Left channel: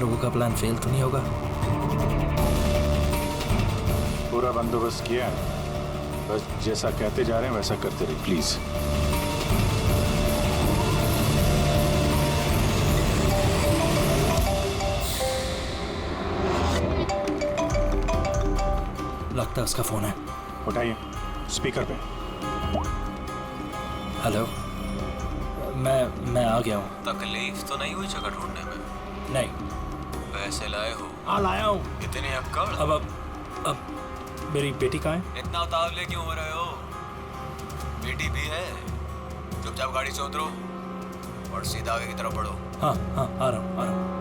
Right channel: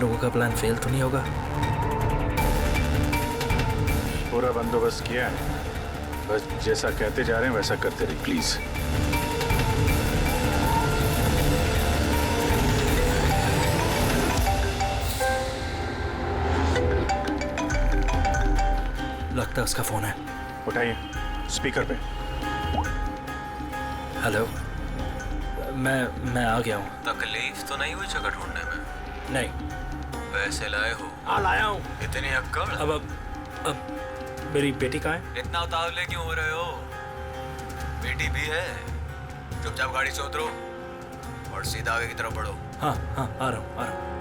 लोगों का plan fail तो नहीं होगा? पूरा बंदोबस्त किया है, बस जैसा कहते जा रहे हैं वैसा करते रहिए प्लीज। लगता है उसका फोन है। उठाइए, स्पीकर पे। हेलो, मैं आ गया हूँ। तकलीफ तो नहीं हुई जगह ढूंढने में? नहीं। पैसे लाए हो? हाँ लाया हूँ। इतनी अक्कड़? अब मेरी बेटी कहाँ है? इतना उतावले क्यों हो रहे हो? बेटी भी है। चुपचाप गाड़ी से उतरो और सीधा आगे की तरफ बढ़ो। हाँ हाँ, आ रहा हूँ आ रहा हूँ।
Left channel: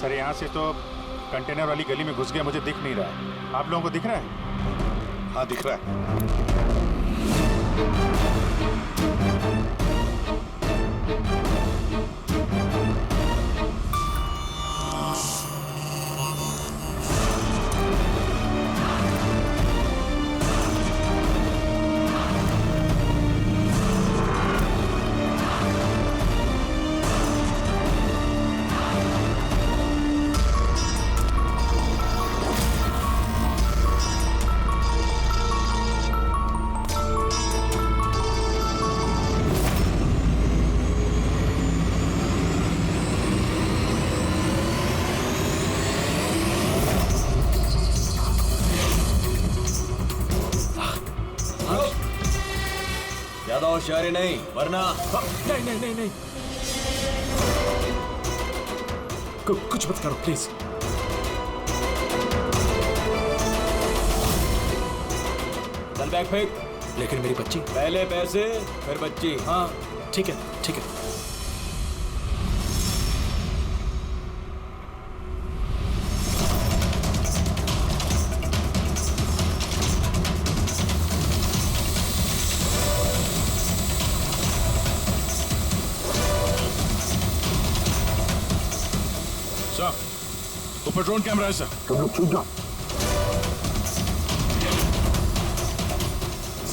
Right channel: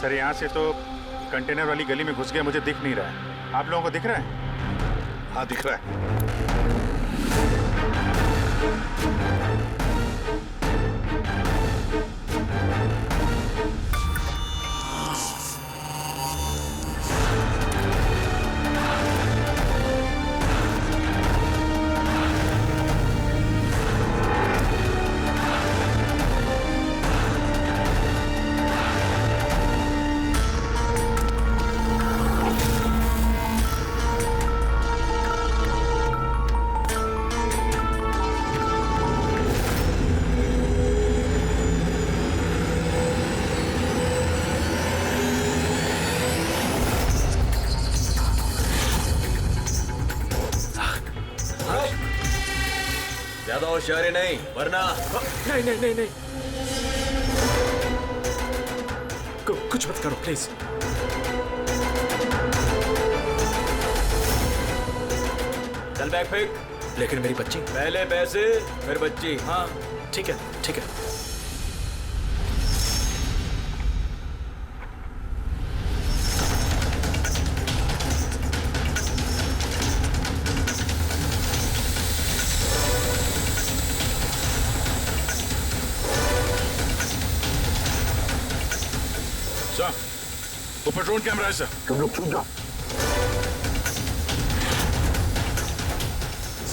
सर यहाँ से तो कंटेनर वाली गली में घुस गया, मुझे दिख नहीं रहा है। आप लोगों को दिख रहा है? हाँ दिख रहा है। ज्यादा होशियारी नहीं वरना। नहीं नहीं नहीं नहीं, कुछ मत करो प्लीज। चल बैग फेंक। लेकिन मेरी बच्ची। पहले पैसे फिर बच्ची। हाँ ठीक है ठीक है। सर, ऊपर ड्रोन कैमरा है सर। तुम लोग छूट जाओ।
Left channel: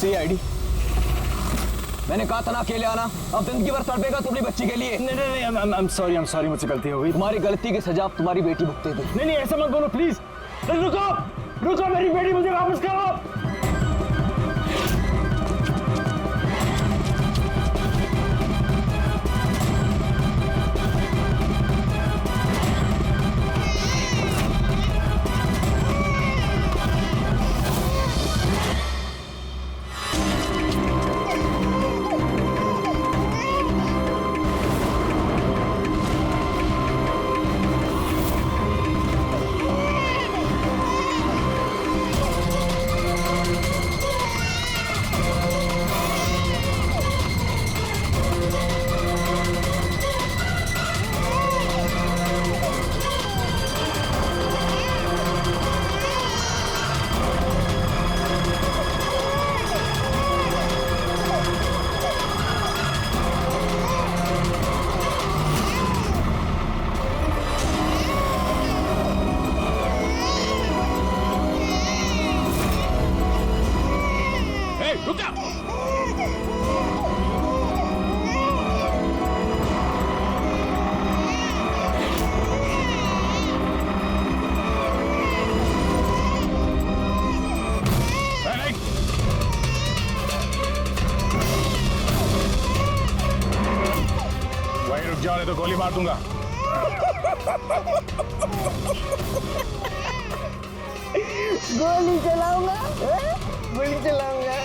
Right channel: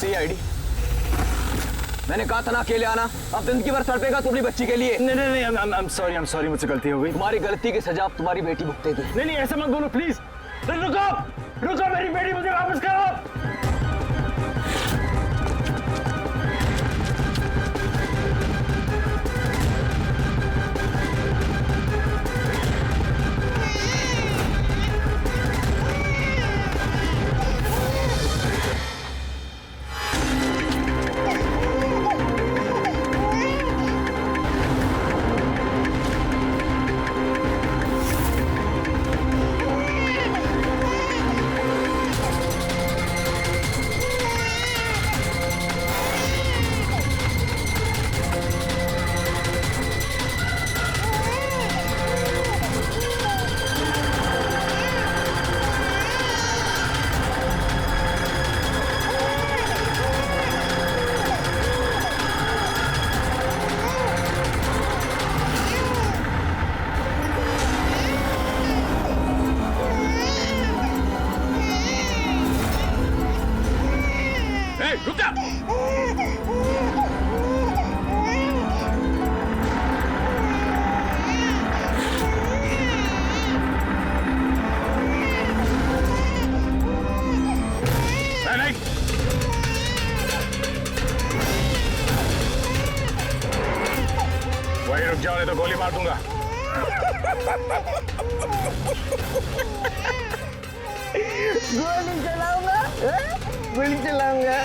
CID, मैंने कहा था ना अकेले आना। अब जिंदगी भर तड़पेगा तुम अपनी बच्ची के लिए। नहीं नहीं नहीं, I'm sorry, मुझसे गलती हो गई। तुम्हारी गलती की सजा अब तुम्हारी बेटी भुगतेगी। नहीं नहीं, ऐसा मत बोलो प्लीज। रुको रुको, मेरी बेटी मुझे वापस करो। रुक जा। नहीं वहीं रुक जाओ नहीं तो गोली मार दूंगा। गोली चलाऊंगा, गोली चलाऊंगा।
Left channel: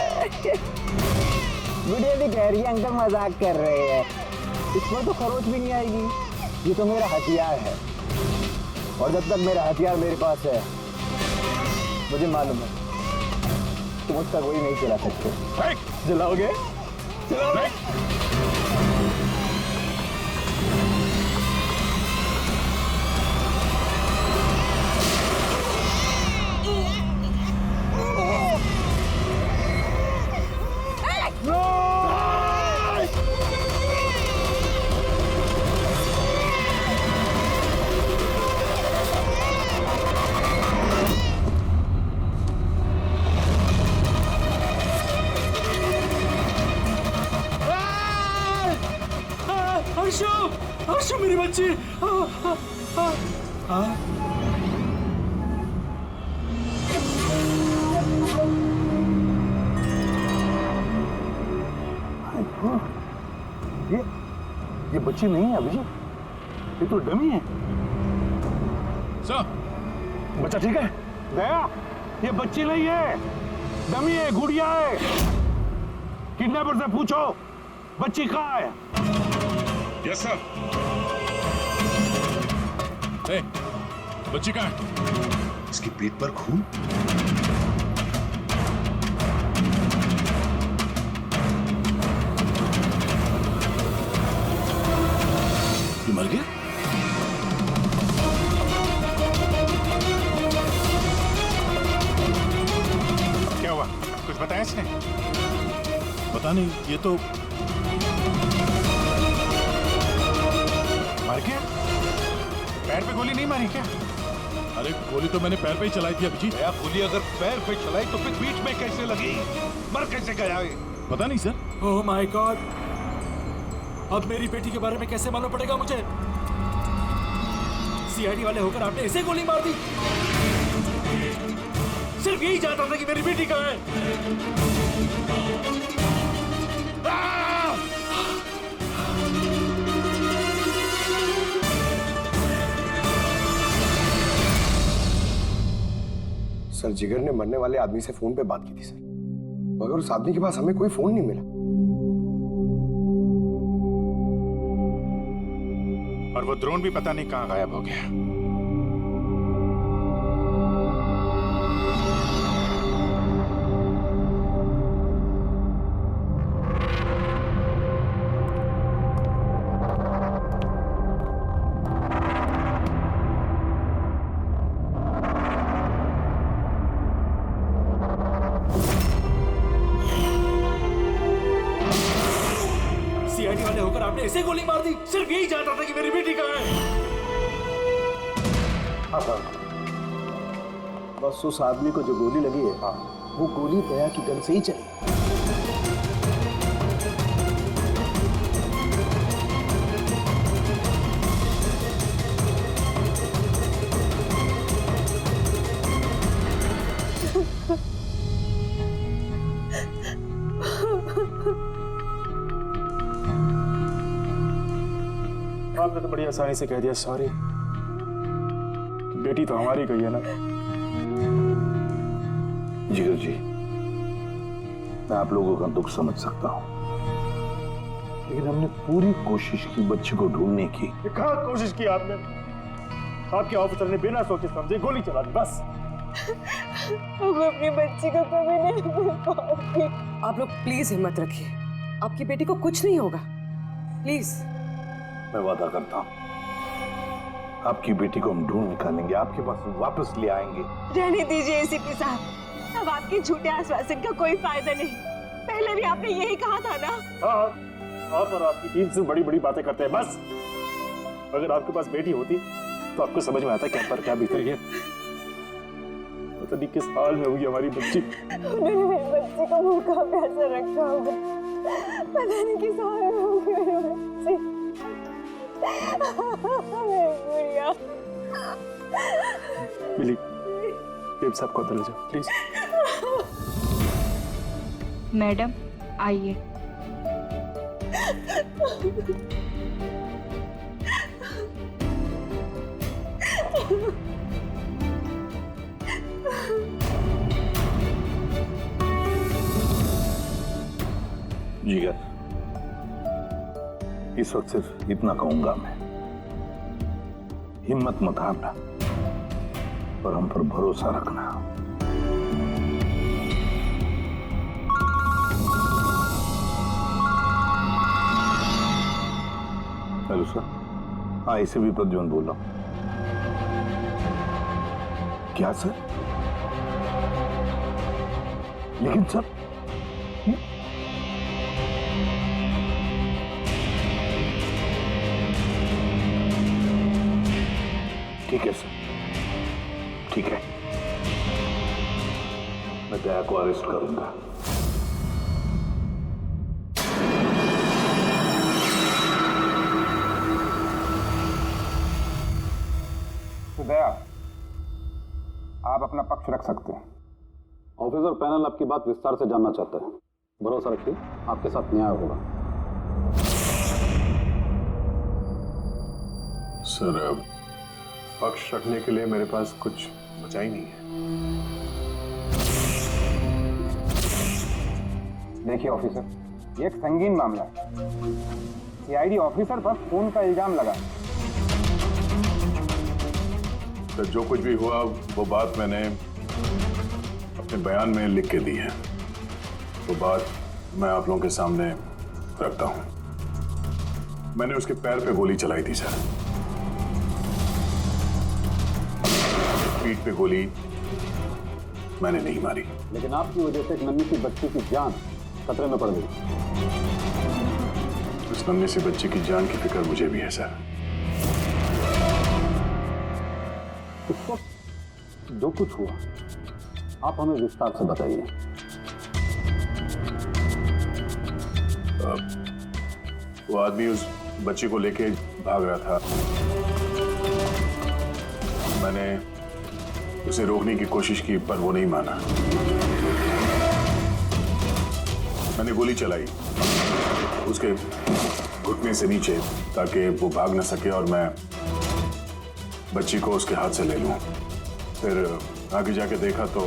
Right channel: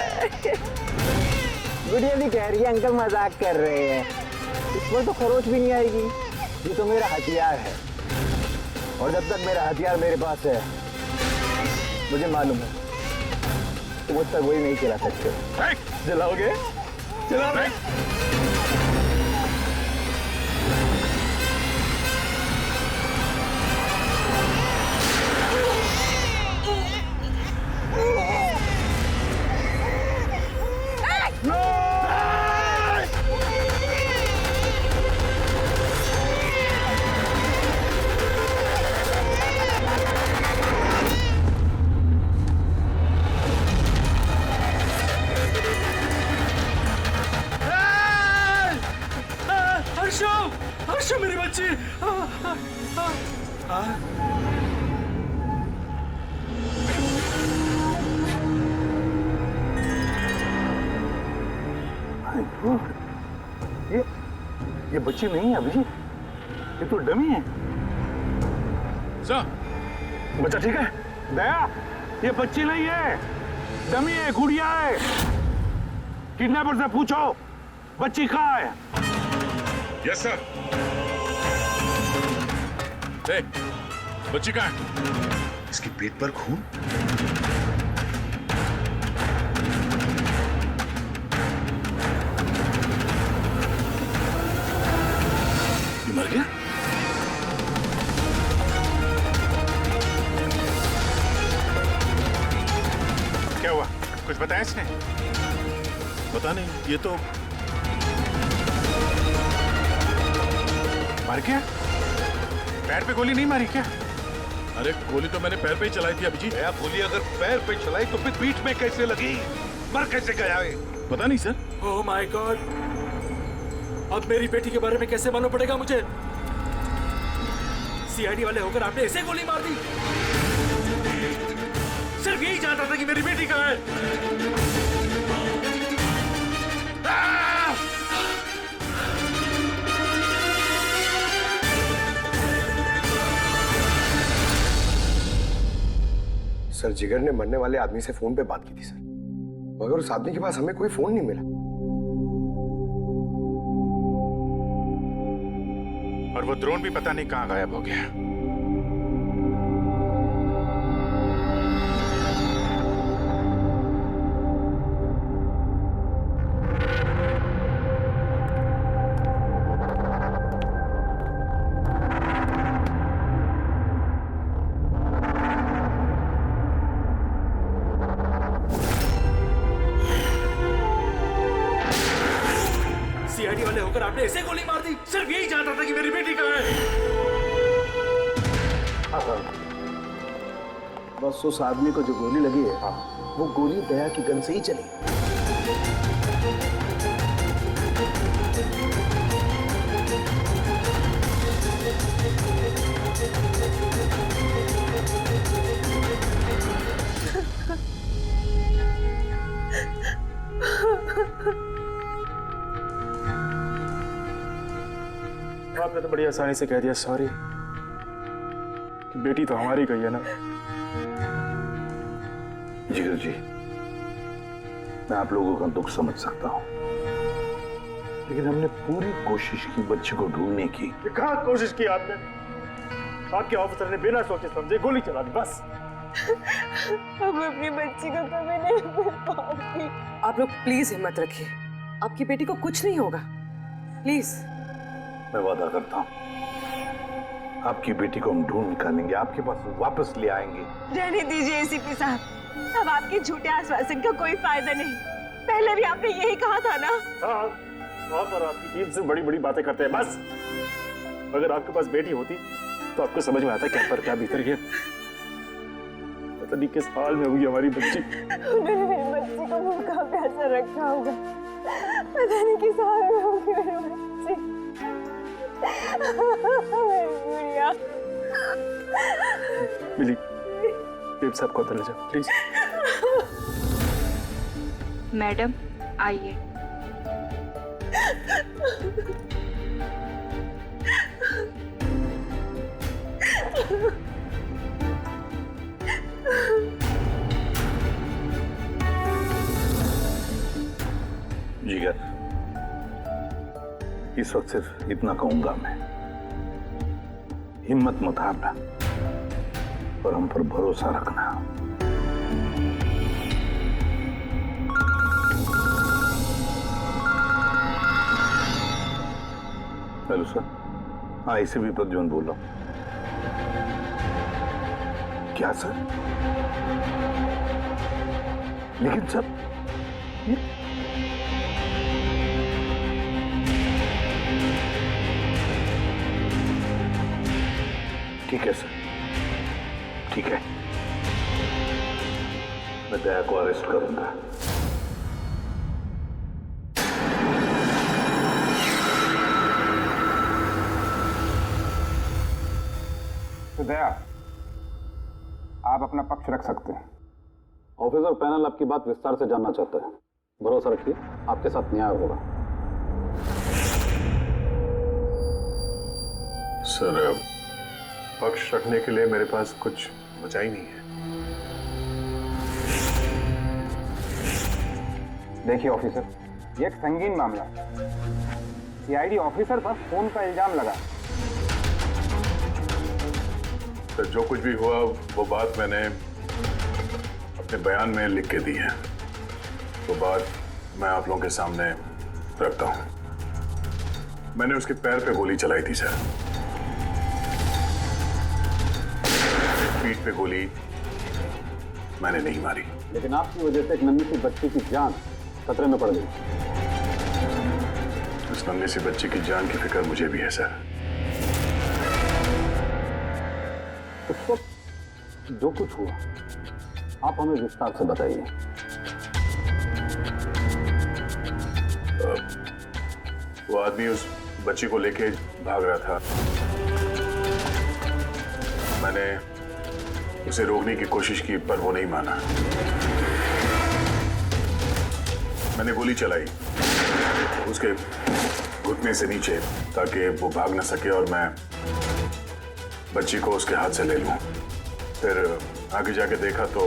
गुड़िया भी कह रही है अंकल मजाक कर रहे हैं। इस पर तो खरोच भी नहीं आएगी। ये तो मेरा हथियार है और जब तक मेरा हथियार मेरे पास है मुझे मालूम है तुम मुझ तक गोली नहीं चला सकते। चलाओगे? चलाओगे? हर्षो, हर्षो मेरी बच्ची। ये बच्ची नहीं है अभिजीत, ये तो डमी है। सर बच्चा ठीक है? दया, ये बच्ची नहीं है, डमी है, गुड़िया है। किडनैपर से पूछो बच्ची कहाँ है। Yes sir. बच्ची कहाँ है? इसकी पीठ पर खून। ये मर गया? क्या हुआ? कुछ बताया इसने? पता नहीं, ये तो मर गया? पैर पे गोली नहीं मारी क्या? अरे गोली तो मैंने पैर पे ही चलाई थी अभिजीत। दया, गोली अगर पैर पे चलाई तो फिर पीठ में कैसे लगी? मर कैसे गया ये? पता नहीं सर। ओह माय गॉड, अब मेरी बेटी के बारे में कैसे मालूम पड़ेगा मुझे? सीआईडी वाले होकर आपने ऐसे गोली मार दी? सिर्फ यही जानता था कि मेरी बेटी कहाँ है। सर, जिगर ने मरने वाले आदमी से फोन पे बात की थी सर, मगर उस आदमी के पास हमें कोई फोन नहीं मिला। और वो ड्रोन भी पता नहीं कहाँ गायब हो गया। सीआईडी वाले होकर आपने ऐसे गोली मार दी? सिर्फ यही जानता था कि मेरी बेटी कहाँ है। बस उस आदमी को जो गोली लगी है, वो गोली दया की गन से ही चली। आपने तो बड़ी आसानी से कह दिया सॉरी। बेटी तो हमारी गई है ना। जिगर जी, मैं आप लोगों का दुख समझ सकता हूं, लेकिन हमने पूरी कोशिश की बच्चे को ढूंढने की। कहाँ कोशिश की आपने? आपके ऑफिसर ने बिना सोचे समझे गोली चला दी बस। अब अपनी बच्ची को कभी नहीं मिल पाऊंगी। आप लोग प्लीज हिम्मत रखिए, आपकी बेटी को कुछ नहीं होगा, प्लीज। मैं वादा करता हूं, आपकी बेटी को हम ढूंढ निकालेंगे, आपके पास वापस ले आएंगे। रहने दीजिए एसीपी साहब, अब आपके झूठे आश्वासन का कोई फायदा नहीं। पहले भी आपने यही कहा था ना। हाँ, आप और आपकी टीम से बड़ी बड़ी बातें करते हैं बस। अगर आपके पास बेटी होती तो आपको समझ में आता क्या पर क्या भीतर है। पता नहीं किस हाल में होगी हमारी बच्ची। उन्होंने मेरी बच्ची को भूखा प्यासा रखा होगा, पता नहीं किस हाल में होगी मेरी बच्ची। मेरी गुड़िया। मिली, साहब को अंदर ले जाओ प्लीज। मैडम आइए। जिगर, इस वक्त सिर्फ इतना कहूंगा मैं, हिम्मत मत हारना और हम पर भरोसा रखना। Hello sir. हाँ, इसे भी प्रद्युम्न बोल रहा हूं। क्या सर? लेकिन सर ये ठीक है सर, ठीक है, मैं दया को अरेस्ट करूंगा। तो दया, आप अपना पक्ष रख सकते हैं। ऑफिसर पैनल आपकी बात विस्तार से जानना चाहता है। भरोसा रखिए, आपके साथ न्याय होगा। सर, पक्ष रखने के लिए मेरे पास कुछ बचा ही नहीं है। देखिए ऑफिसर, ये एक संगीन मामला है। सीआईडी ऑफिसर पर खून का इल्जाम लगा। सर, जो कुछ भी हुआ वो बात मैंने अपने बयान में लिख के दी है। वो बात मैं आप लोगों के सामने रखता हूं। मैंने उसके पैर पे गोली चलाई थी सर। पीठ पे गोली मैंने नहीं मारी। लेकिन आपकी वजह से एक नन्ही सी बच्ची की जान खतरे में पड़ गई। उस नन्ही सी बच्ची की जान की फिक्र मुझे भी है सर। उस वक्त जो कुछ हुआ आप हमें विस्तार से बताइए। वो आदमी उस बच्ची को लेके भाग रहा था। मैंने उसे रोकने की कोशिश की पर वो नहीं माना। मैंने गोली चलाई उसके घुटने से नीचे ताकि वो भाग न सके और मैं बच्ची को उसके हाथ से ले लूं। फिर आगे जाके देखा तो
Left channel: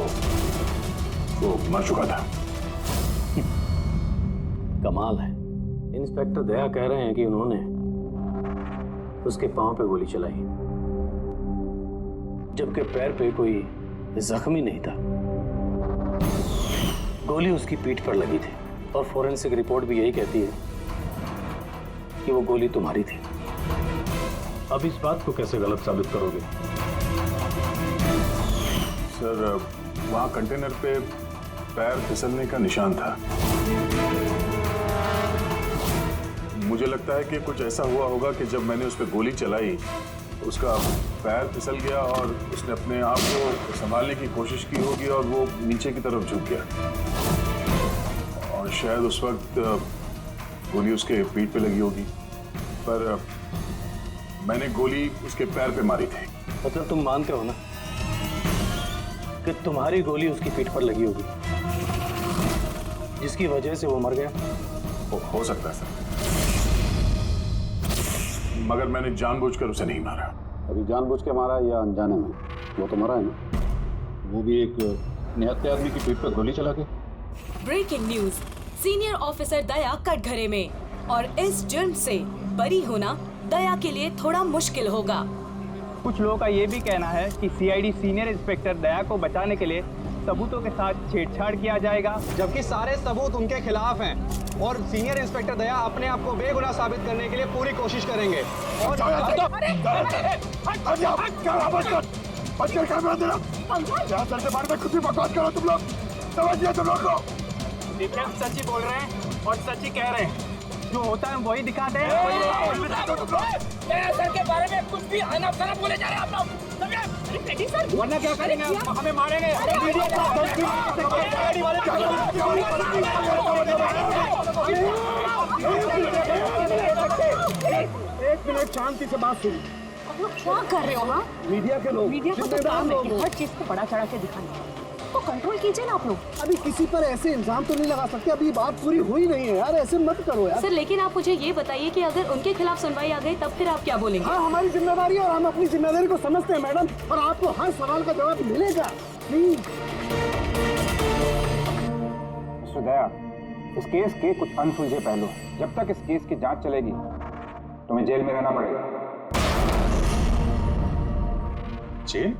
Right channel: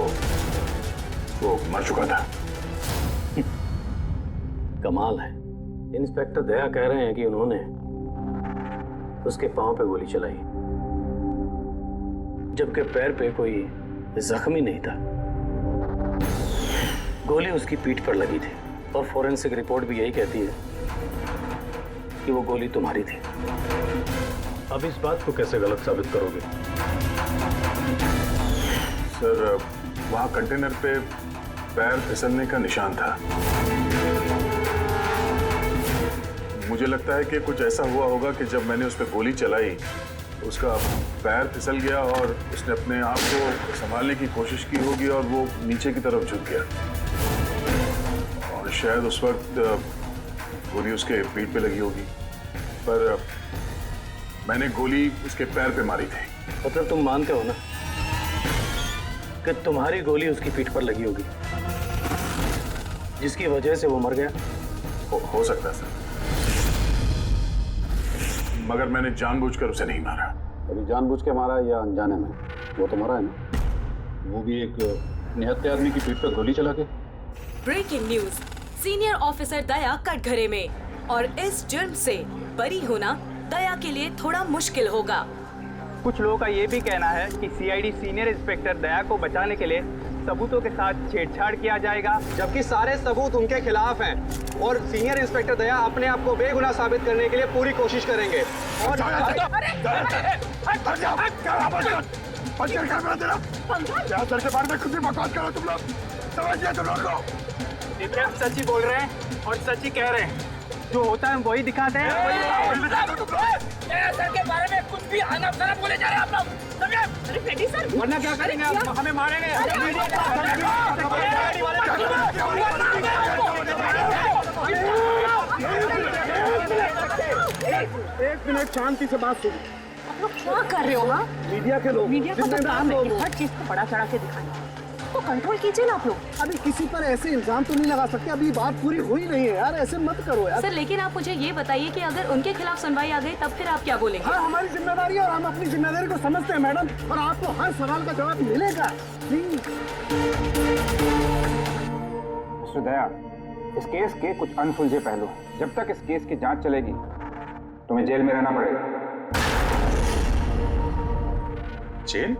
वो मर चुका था। कमाल है। इंस्पेक्टर दया कह रहे हैं कि उन्होंने उसके पांव पे गोली चलाई, जबकि पैर पे कोई जख्मी नहीं था। गोली उसकी पीठ पर लगी थी और फोरेंसिक रिपोर्ट भी यही कहती है कि वो गोली तुम्हारी थी। अब इस बात को कैसे गलत साबित करोगे? सर, वहां कंटेनर पे पैर फिसलने का निशान था। मुझे लगता है कि कुछ ऐसा हुआ होगा कि जब मैंने उस पर गोली चलाई उसका पैर फिसल गया और उसने अपने आप को संभालने की कोशिश की होगी और वो नीचे की तरफ झुक गया और शायद उस वक्त गोली उसके पीठ पे लगी होगी। पर मैंने गोली उसके पैर पे मारी थी। मतलब तुम मानते हो ना कि तुम्हारी गोली उसकी पीठ पर लगी होगी जिसकी वजह से वो मर गया? हो सकता है सर, मगर मैंने जानबूझकर उसे नहीं मारा। अभी जानबूझ के मारा या अनजाने में? वो तो मरा है ना, वो भी एक निहत्थे आदमी की पीठ पर गोली चला के। ब्रेकिंग न्यूज, सीनियर ऑफिसर दया कटघरे में, और इस जुर्म से बरी होना दया के लिए थोड़ा मुश्किल होगा। कुछ लोगों का ये भी कहना है कि सीआईडी सीनियर इंस्पेक्टर दया को बचाने के लिए सबूतों के साथ छेड़छाड़ किया जाएगा, जबकि सारे सबूत उनके खिलाफ हैं और सीनियर इंस्पेक्टर दया अपने आप को बेगुनाह साबित करने के लिए पूरी कोशिश करेंगे। और सर के बारे में खुद ही बकवास करो तुम लोग, समझिए तुम लोग को। सच ही बोल रहे हैं और सच ही कह रहे हैं। जो होता है वही दिखाते हैं। सर के बारे में कुछ भी अनाप-शनाप बोले जा रहे हैं आप लोग। अरे पेटी सर, वरना क्या करेंगे आप? हमें मारेंगे। एक मिनट शांति से बात सुनो। आप लोग क्या कर रहे हो? हाँ, मीडिया के लोग, मीडिया का तो काम है कि हर चीज को बड़ा चढ़ा के दिखाना। को कंट्रोल कीजिए ना आप लोग। अभी किसी पर ऐसे इल्जाम तो नहीं लगा सकते, अभी बात पूरी हुई नहीं है यार, ऐसे मत करो यार। सर लेकिन आप मुझे ये बताइए कि अगर उनके खिलाफ सुनवाई आ गई तब फिर आप क्या बोलेंगे? हाँ, हमारी जिम्मेदारी है और हम अपनी जिम्मेदारी को समझते हैं मैडम, और आपको हर सवाल का जवाब मिलेगा। प्लीज मिस्टर दया, इस केस के कुछ अनसुलझे पहलू हैं। जब तक इस केस की जांच चलेगी तुम्हें जेल में रहना पड़ेगा। जेल?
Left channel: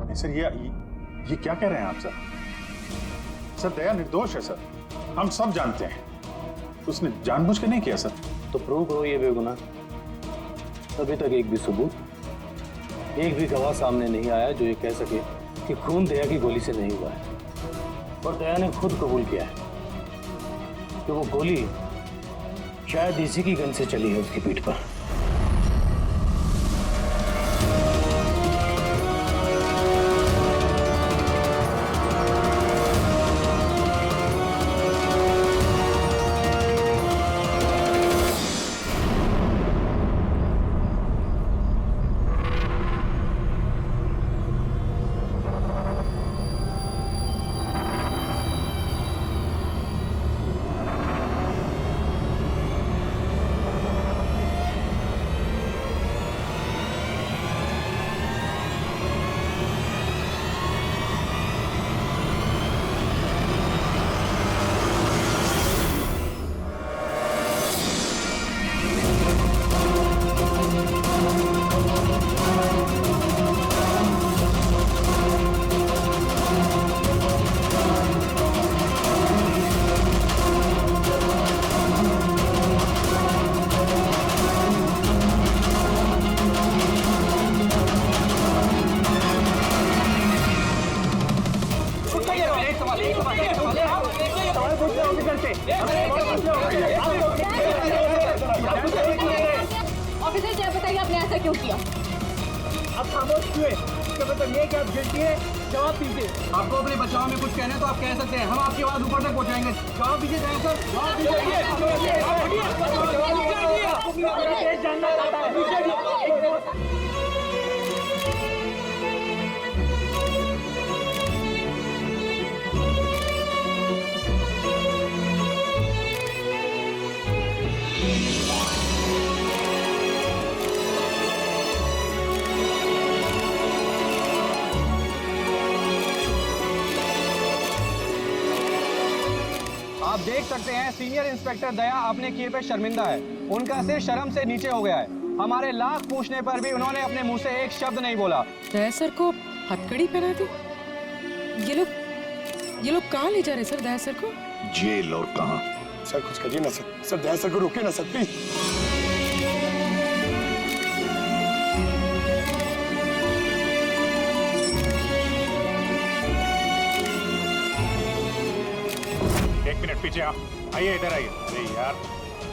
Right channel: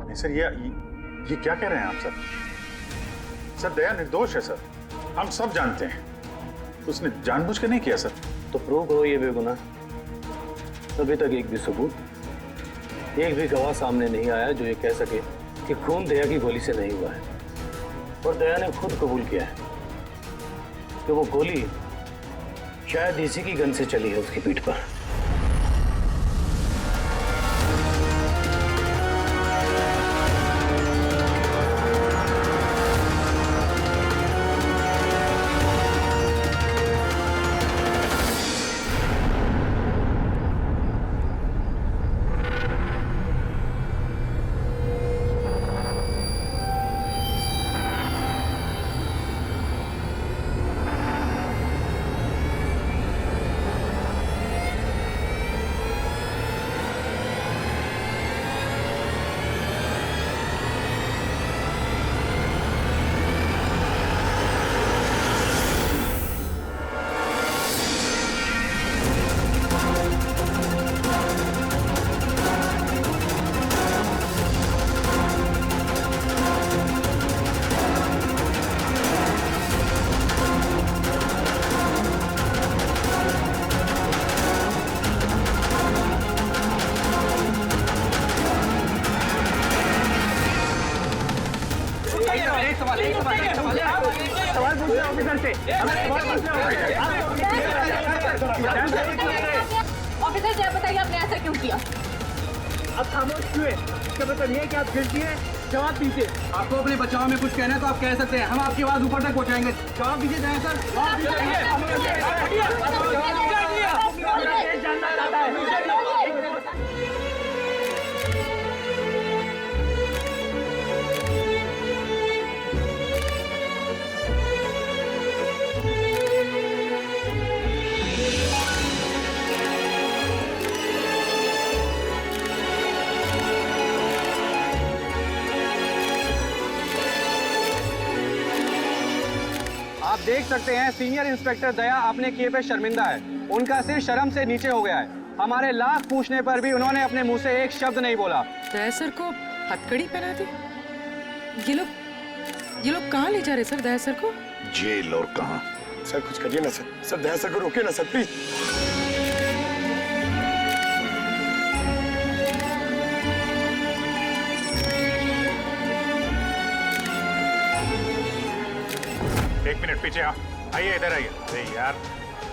नहीं सर, ये क्या कह रहे हैं आप सर? सर दया निर्दोष है सर, हम सब जानते हैं, उसने जानबूझ के नहीं किया सर। तो प्रूव करो ये बेगुनाह। अभी तक एक भी सबूत, एक भी गवाह सामने नहीं आया जो ये कह सके कि खून दया की गोली से नहीं हुआ है। और दया ने खुद कबूल किया है कि वो गोली शायद इसी की गन से चली है उसकी पीठ पर। ऑफिसर जय बताइए आपने ऐसा क्यों किया? आप खामोश क्यों हैं? इसका मतलब ये है कि आप गिल्टी हैं, जवाब दीजिए। आपको अपने बचाव में कुछ कहना है तो आप कह सकते हैं, हम आपकी आवाज ऊपर तक पहुंचाएंगे। जवाब दीजिए दया सर, जवाब दीजिए। जानना चाहता है। आप देख सकते हैं सीनियर इंस्पेक्टर दया अपने किए पे शर्मिंदा है। उनका सिर शर्म से नीचे हो गया है। हमारे लाख पूछने पर भी उन्होंने अपने मुंह से एक शब्द नहीं बोला। दया सर को हथकड़ी पहना दी? ये लोग कहाँ ले जा रहे सर दया सर को? जेल। और कहाँ? सर कुछ करिए ना सर, सर दया सर को रोके ना सर प्लीज। एक मिनट पीछे आइए, इधर आइए। अरे यार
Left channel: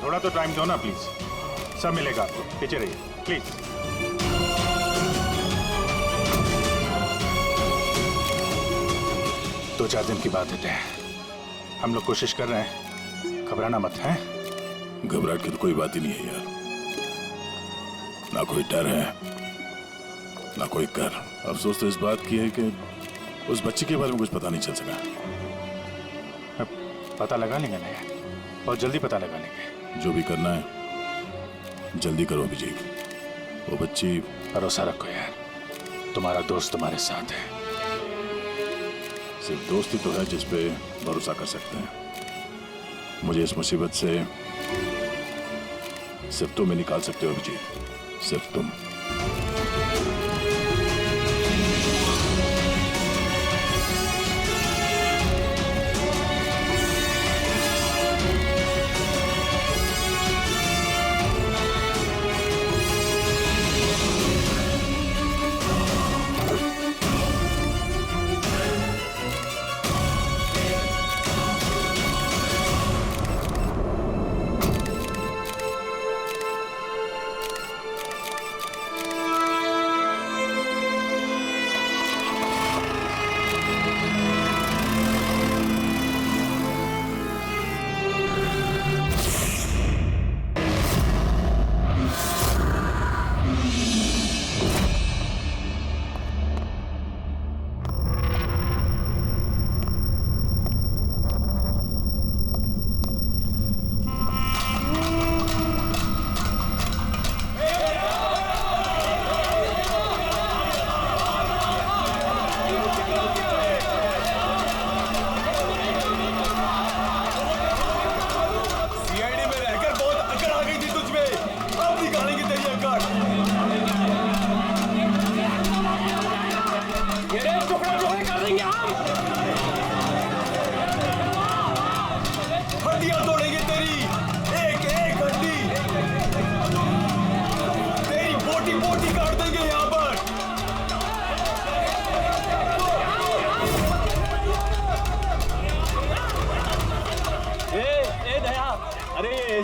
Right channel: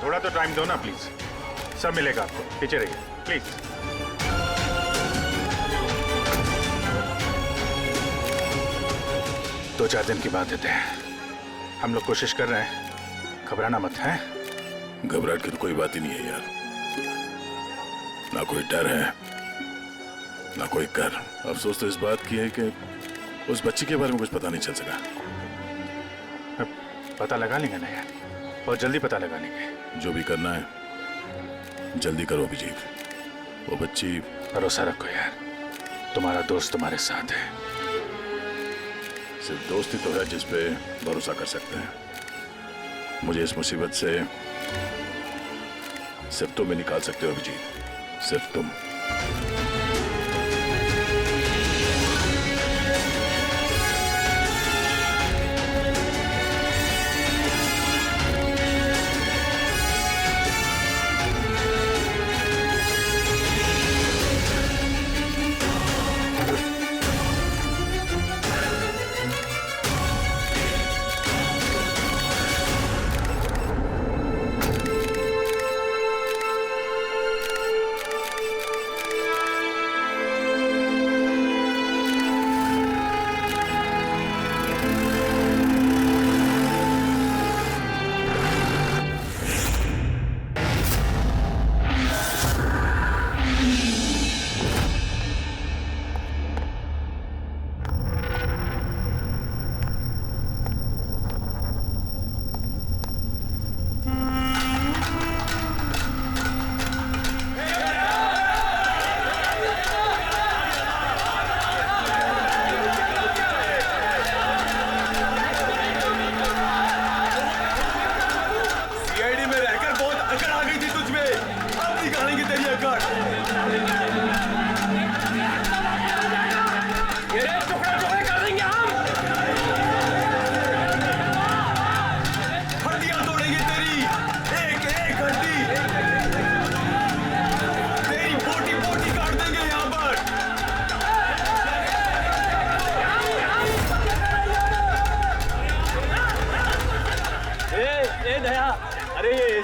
थोड़ा तो टाइम दो ना प्लीज, सब मिलेगा आपको। पीछे रहिए प्लीज। दो चार दिन की बात देते हैं, हम लोग कोशिश कर रहे हैं, घबराना मत है। घबराहट की तो कोई बात ही नहीं है यार, ना कोई डर है ना कोई कर। अफसोस तो इस बात की है कि उस बच्ची के बारे में कुछ पता नहीं चल सका। पता लगा लेंगे ना यार, बहुत जल्दी पता लगा लेंगे। जो भी करना है जल्दी करो अभिजीत। वो बच्ची, भरोसा रखो यार, तुम्हारा दोस्त तुम्हारे साथ है। सिर्फ दोस्ती तो है जिस पे भरोसा कर सकते हैं। मुझे इस मुसीबत से सिर्फ तुम ही निकाल सकते हो अभिजीत, सिर्फ तुम।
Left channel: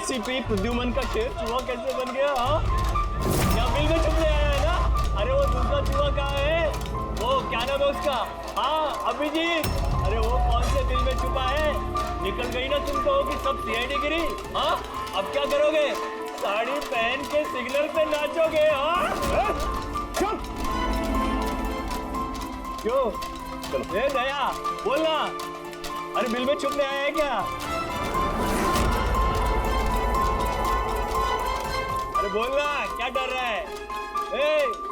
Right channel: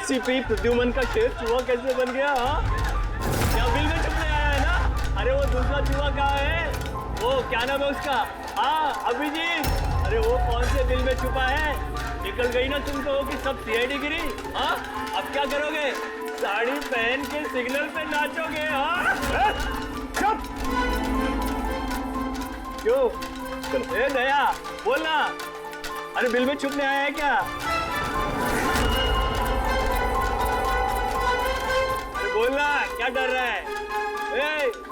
एसीपी प्रद्युमन का शेर चूहा कैसे बन गया? हाँ, क्या बिल में छुपने आया है ना? अरे वो दूसरा चूहा कहाँ है? वो क्या नाम है उसका? हाँ अभिजीत, अरे वो कौन से बिल में छुपा है? निकल गई ना तुम तो कि सब सीआईडी गिरी। हाँ, अब क्या करोगे? साड़ी पहन के सिग्नल पे नाचोगे? हाँ, चुप। क्यों? चलो ए दया बोलना, अरे बिल में छुपने आया है क्या? अरे बोलना, क्या डर रहा है? ए!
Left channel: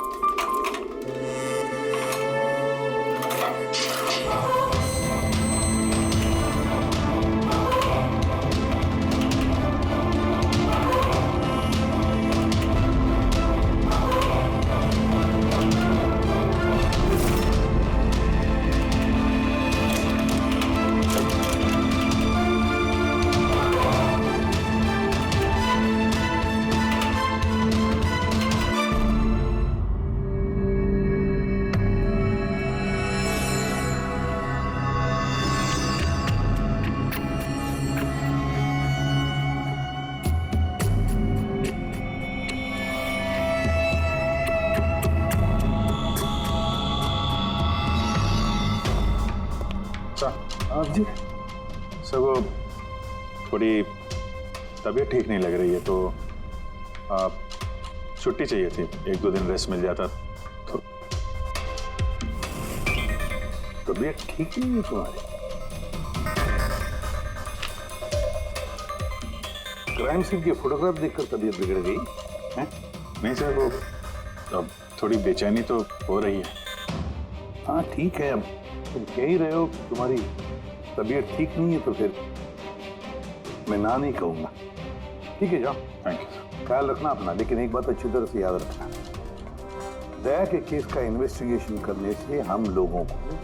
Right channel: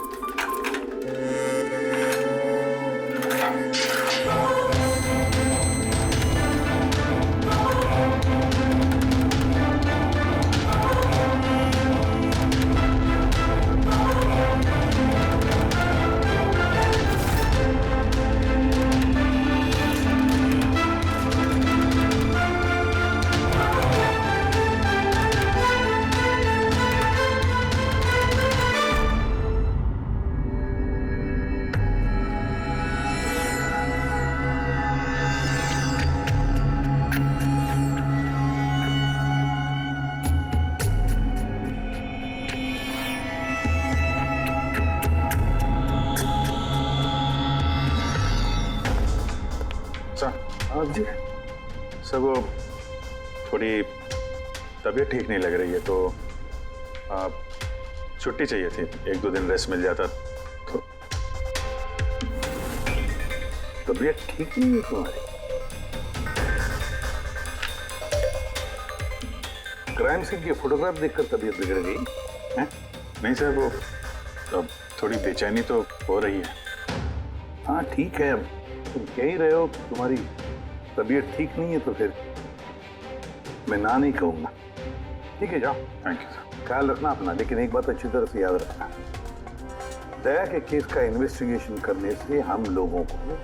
जी सर, वो थोड़ी तबीयत ठीक नहीं लग रही है तो छुट्टी चाहिए थी, 1-2 दिन रेस्ट मिल जाता तो। तबीयत ठीक नहीं है तुम्हारी? क्राइम सीन की फोटोग्राफ देखकर तबीयत बिगड़ गई है? नहीं सर, वो अब थोड़ी बेचैनी तो हो रही है। हाँ ठीक है, अब तुम कह ही रहे हो कि तुम्हारी तबीयत ठीक नहीं है तो फिर मैं ना नहीं कहूंगा। ठीक है, जाओ। Thank you sir. ख्याल रखना अपना, लेकिन एक बात अच्छी तरह से याद रखना, दया के केस का इन्वेस्टिगेशन करने से हम लोगों को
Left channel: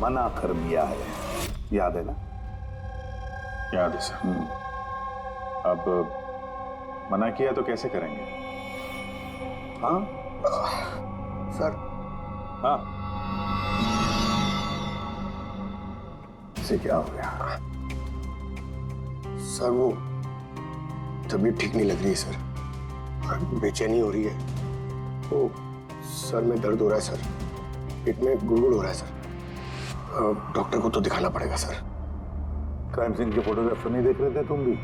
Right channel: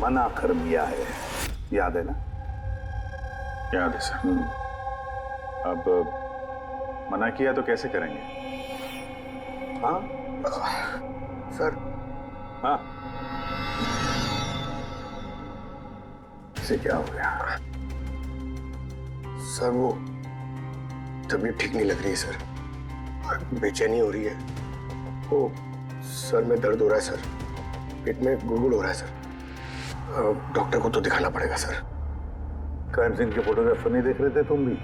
मना कर दिया है, याद है ना? याद है सर। अब मना किया तो कैसे करेंगे? हाँ सर। हाँ, इसे क्या हो गया? सर वो तबीयत ठीक नहीं लग रही है सर, बेचैनी हो रही है। वो सर में दर्द हो रहा है सर, पेट में गुड़गुड़ हो रहा है सर। डॉक्टर को तो दिखाना पड़ेगा सर। क्राइम सीन के फोटोग्राफ नहीं देख रहे थे तुम भी?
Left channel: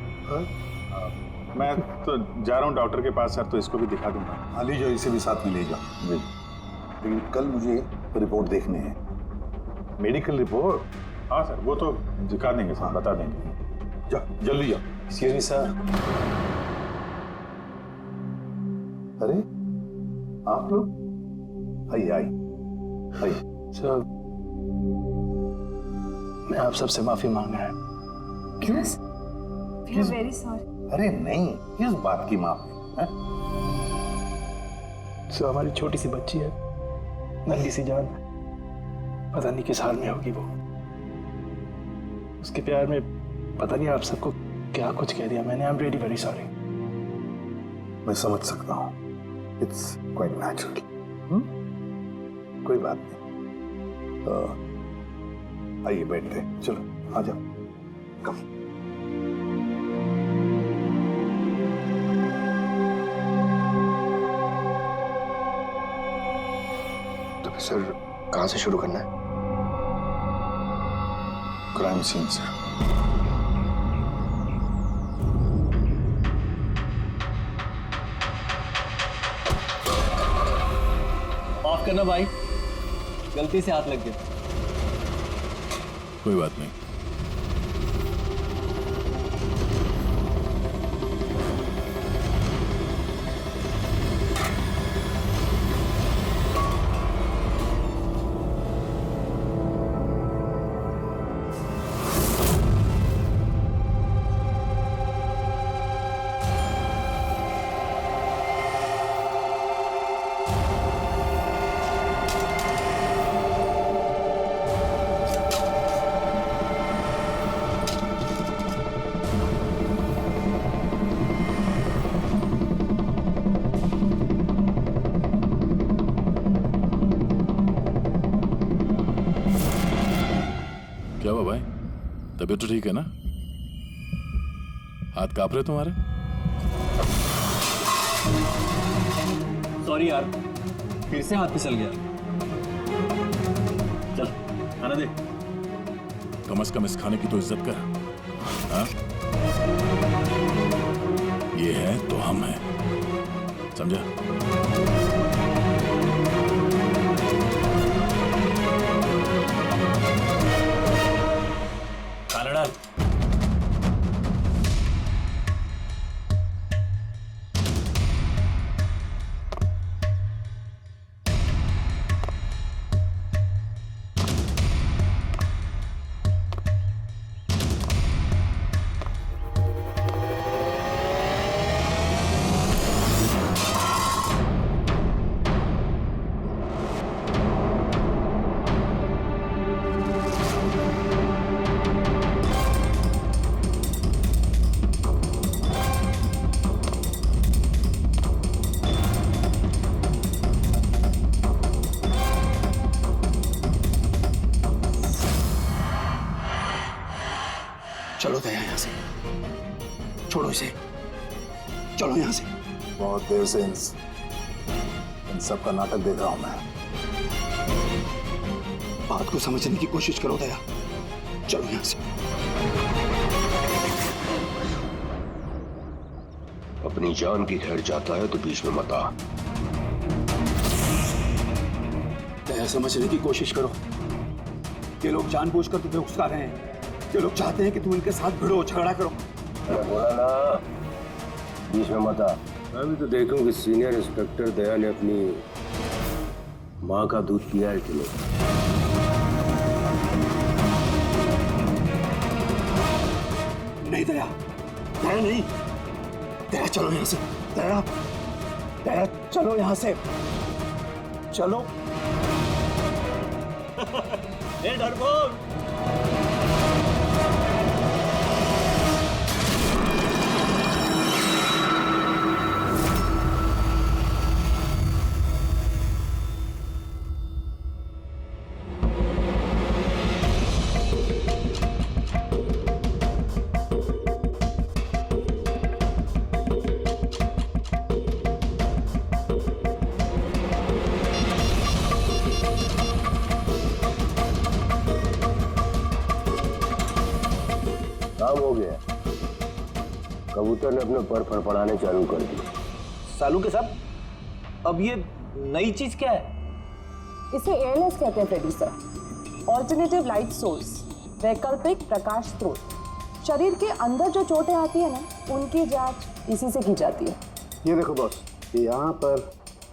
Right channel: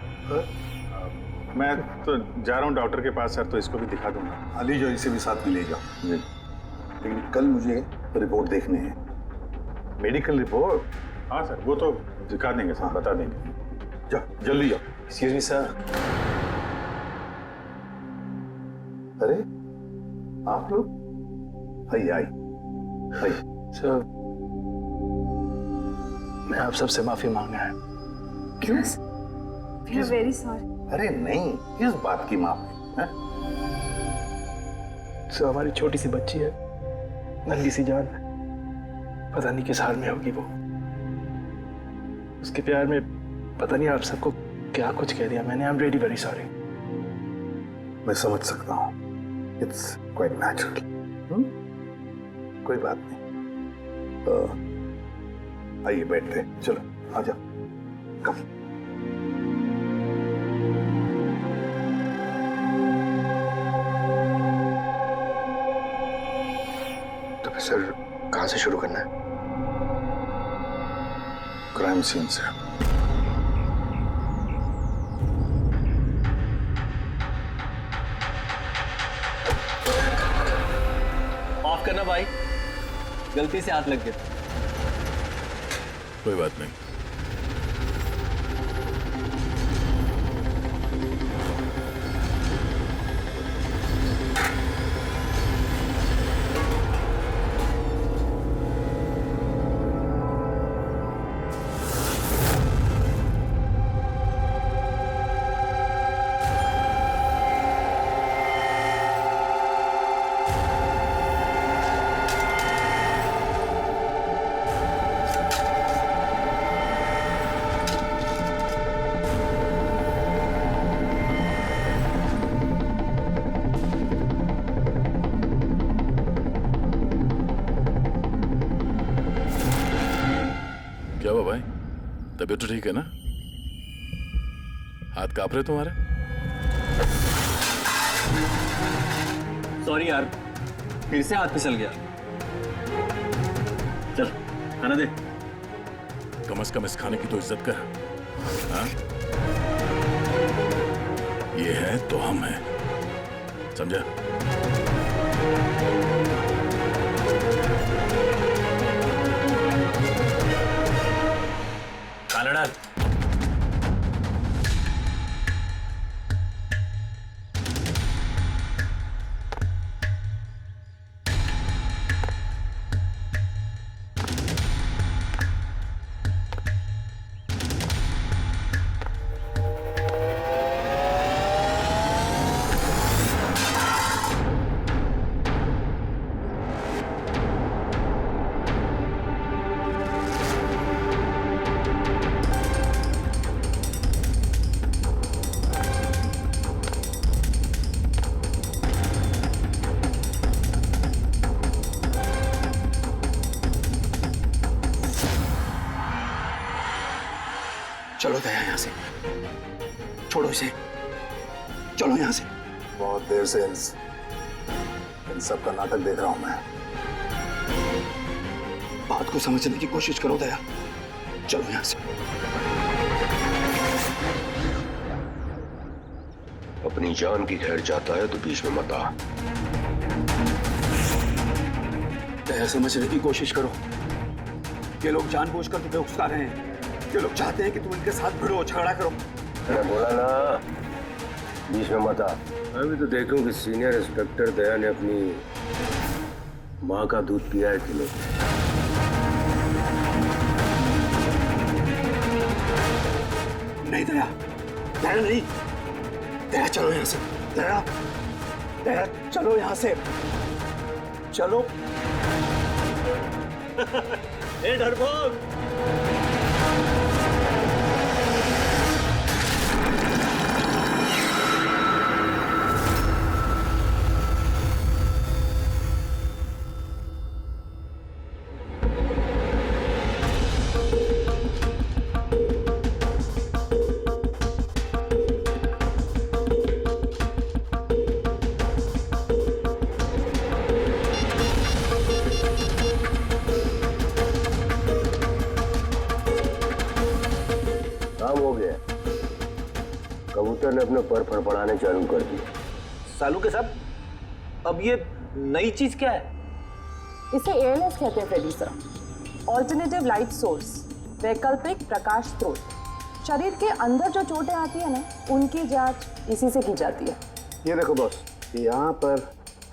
मैं तो जा रहा हूँ डॉक्टर के पास सर, तो इसको भी दिखा दूंगा। हाँ ले जाओ, इसे भी साथ में ले जाओ। जी, लेकिन कल मुझे रिपोर्ट देखने है। Medical report? हाँ सर, वो तो दिखा देंगे सर, बता देंगे। जाओ जल्दी जाओ। Excuse me sir. अरे आप लोग? आइए आइए आइए। सर मैं आप सबसे माफी मांगना है। क्यों? We are very sorry. अरे नहीं, किस बात की माफी है? सर हमारी छोटी सी बच्ची है, नन्ही सी जान, पता नहीं किस हाल में होगी वो। उसके प्यार में पता नहीं आप सबको क्या कुछ कह दिया मैंने। I am really very sorry. मैं समझ सकता हूँ, इट्स क्वाइट नेचुरल। कोई बात नहीं। आइए बैठते हैं, चलो आ जाओ। कम। तो फिर सर कहाँ से शुरू करना है? क्राइम सीन से। माफ करना भाई, गलती से हाथ लग गया। कोई बात नहीं। क्या हुआ भाई, तबीयत तो ठीक है ना? हाथ कांप रहे तुम्हारे? सॉरी यार, फिर से हाथ फिसल गया। चल खाना दे। कम से कम इस खाने की तो इज्जत कर। हाँ? ये है तो हम हैं, समझा? खाना डाल। चलो दया यहां से, छोड़ो इसे, चलो यहां से। बहुत देर से इन सब का नाटक देख रहा हूं मैं। बात को समझने की कोशिश करो दया, चलो यहां से। अपनी जान की खैर चाहता है तो बीच में मत आ। दया समझने की कोशिश करो। ये लोग जानबूझकर तुम्हें उकसा रहे हैं। ये लोग चाहते हैं कि तुम इनके साथ भिड़ो, झगड़ा करो। मैंने बोला ना बीच में मत आ। अभी तो देखूं कि सीनियर इंस्पेक्टर दया ने अपनी माँ का दूध पिया है कि नहीं। नहीं दया, दया नहीं। दया चलो यहां से। दया, दया चलो यहां से, चलो। ए डरपोक, काम हो गया। कबूतर ने अपने पर फड़फड़ाने चालू कर दिए। सालू के साहब, अब ये नई चीज क्या है? इसे ALS कहते हैं Freddie sir, alternative light source, वैकल्पिक प्रकाश स्रोत। शरीर के अंदर जो चोटें आती है ना, उनकी जांच इसी से की जाती है। ये देखो बॉस, ये यहाँ पर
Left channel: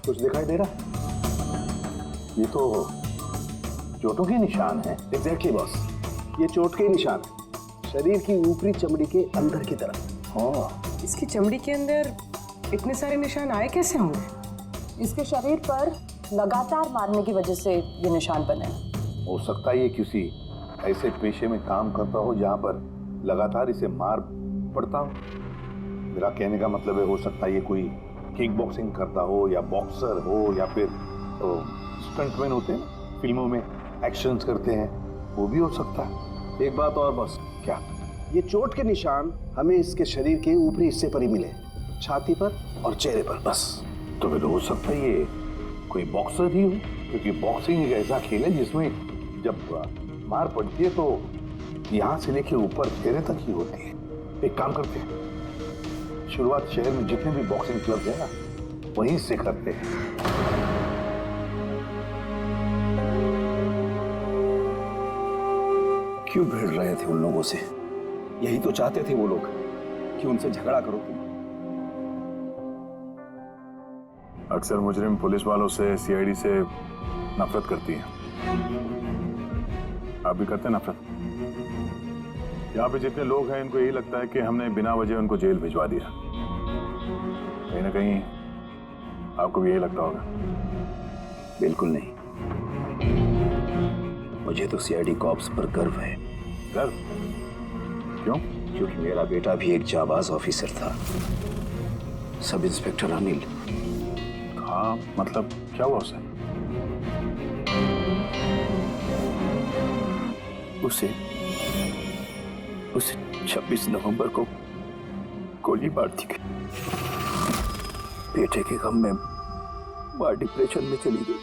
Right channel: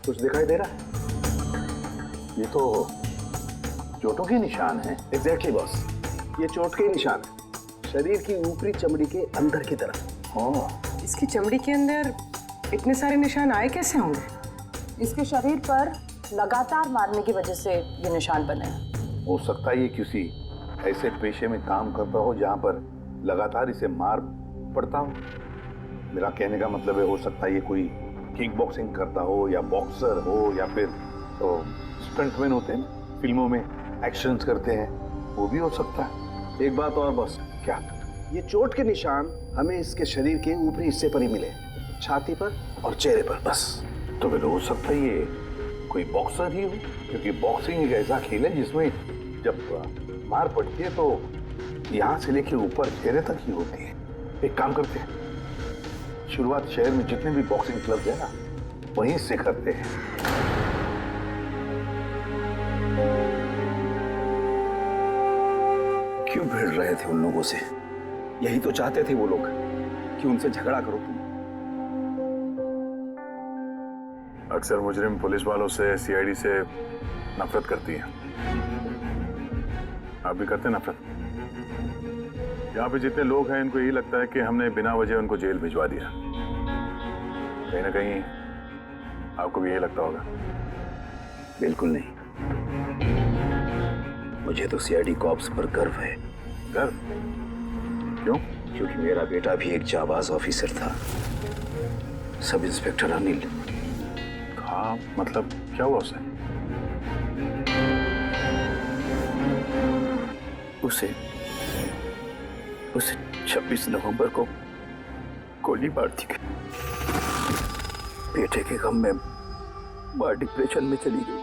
कुछ दिखाई दे रहा है। ये तो चोटों के निशान है। एग्जैक्टली बॉस, ये चोट के निशान है, शरीर की ऊपरी चमड़ी के अंदर की तरफ। हाँ, इसकी चमड़ी के अंदर इतने सारे निशान आए कैसे होंगे? इसके शरीर पर लगातार मारने की वजह से ये निशान बने हैं। हो सकता है ये किसी ऐसे पेशे में काम करता हो जहां पर लगातार इसे मार पड़ता हो। मेरा कहने का मतलब है, हो सकता है ये कोई किक बॉक्सिंग करता हो, या बॉक्सर हो, या फिर तो स्टंटमैन होते हैं ना, फिल्मों में एक्शन करते हैं, वो भी हो सकता है। एक बात और बॉस। क्या? ये चोट के निशान हमें इसके शरीर के ऊपरी हिस्से पर ही मिले, छाती पर और चेहरे पर बस। तो फिर हो सकता है ये कोई बॉक्सर ही हो, क्योंकि बॉक्सिंग एक ऐसा खेल है जिसमें जब मार पड़ती है तो यहाँ से लेके ऊपर चेहरे तक ही होती है। एक काम करते हैं, शुरुआत शहर में जितने भी बॉक्सिंग क्लब है ना, वहीं से करते हैं। क्यों भिड़ रहे थे उन लोगों से? यही तो चाहते थे वो लोग कि उनसे झगड़ा करो तुम। अक्सर मुजरिम पुलिस वालों से, CID से नफरत करती हैं। आप भी करते हैं नफरत? यहाँ पे जितने लोग हैं, इनको यही लगता है कि हमने बिना वजह उनको जेल भिजवा दिया। कहीं ना कहीं आपको भी यही लगता होगा। बिल्कुल नहीं, मुझे तो CID कॉप्स पर गर्व है। गर्व? क्यों? क्योंकि मेरा बेटा भी एक जाबाज ऑफिसर था, सब इंस्पेक्टर अनिल। हाँ, मतलब क्या हुआ उसे? उसे 26 नवंबर को गोली मार दी गई। बेटे के गम में मां डिप्रेशन में चली गई।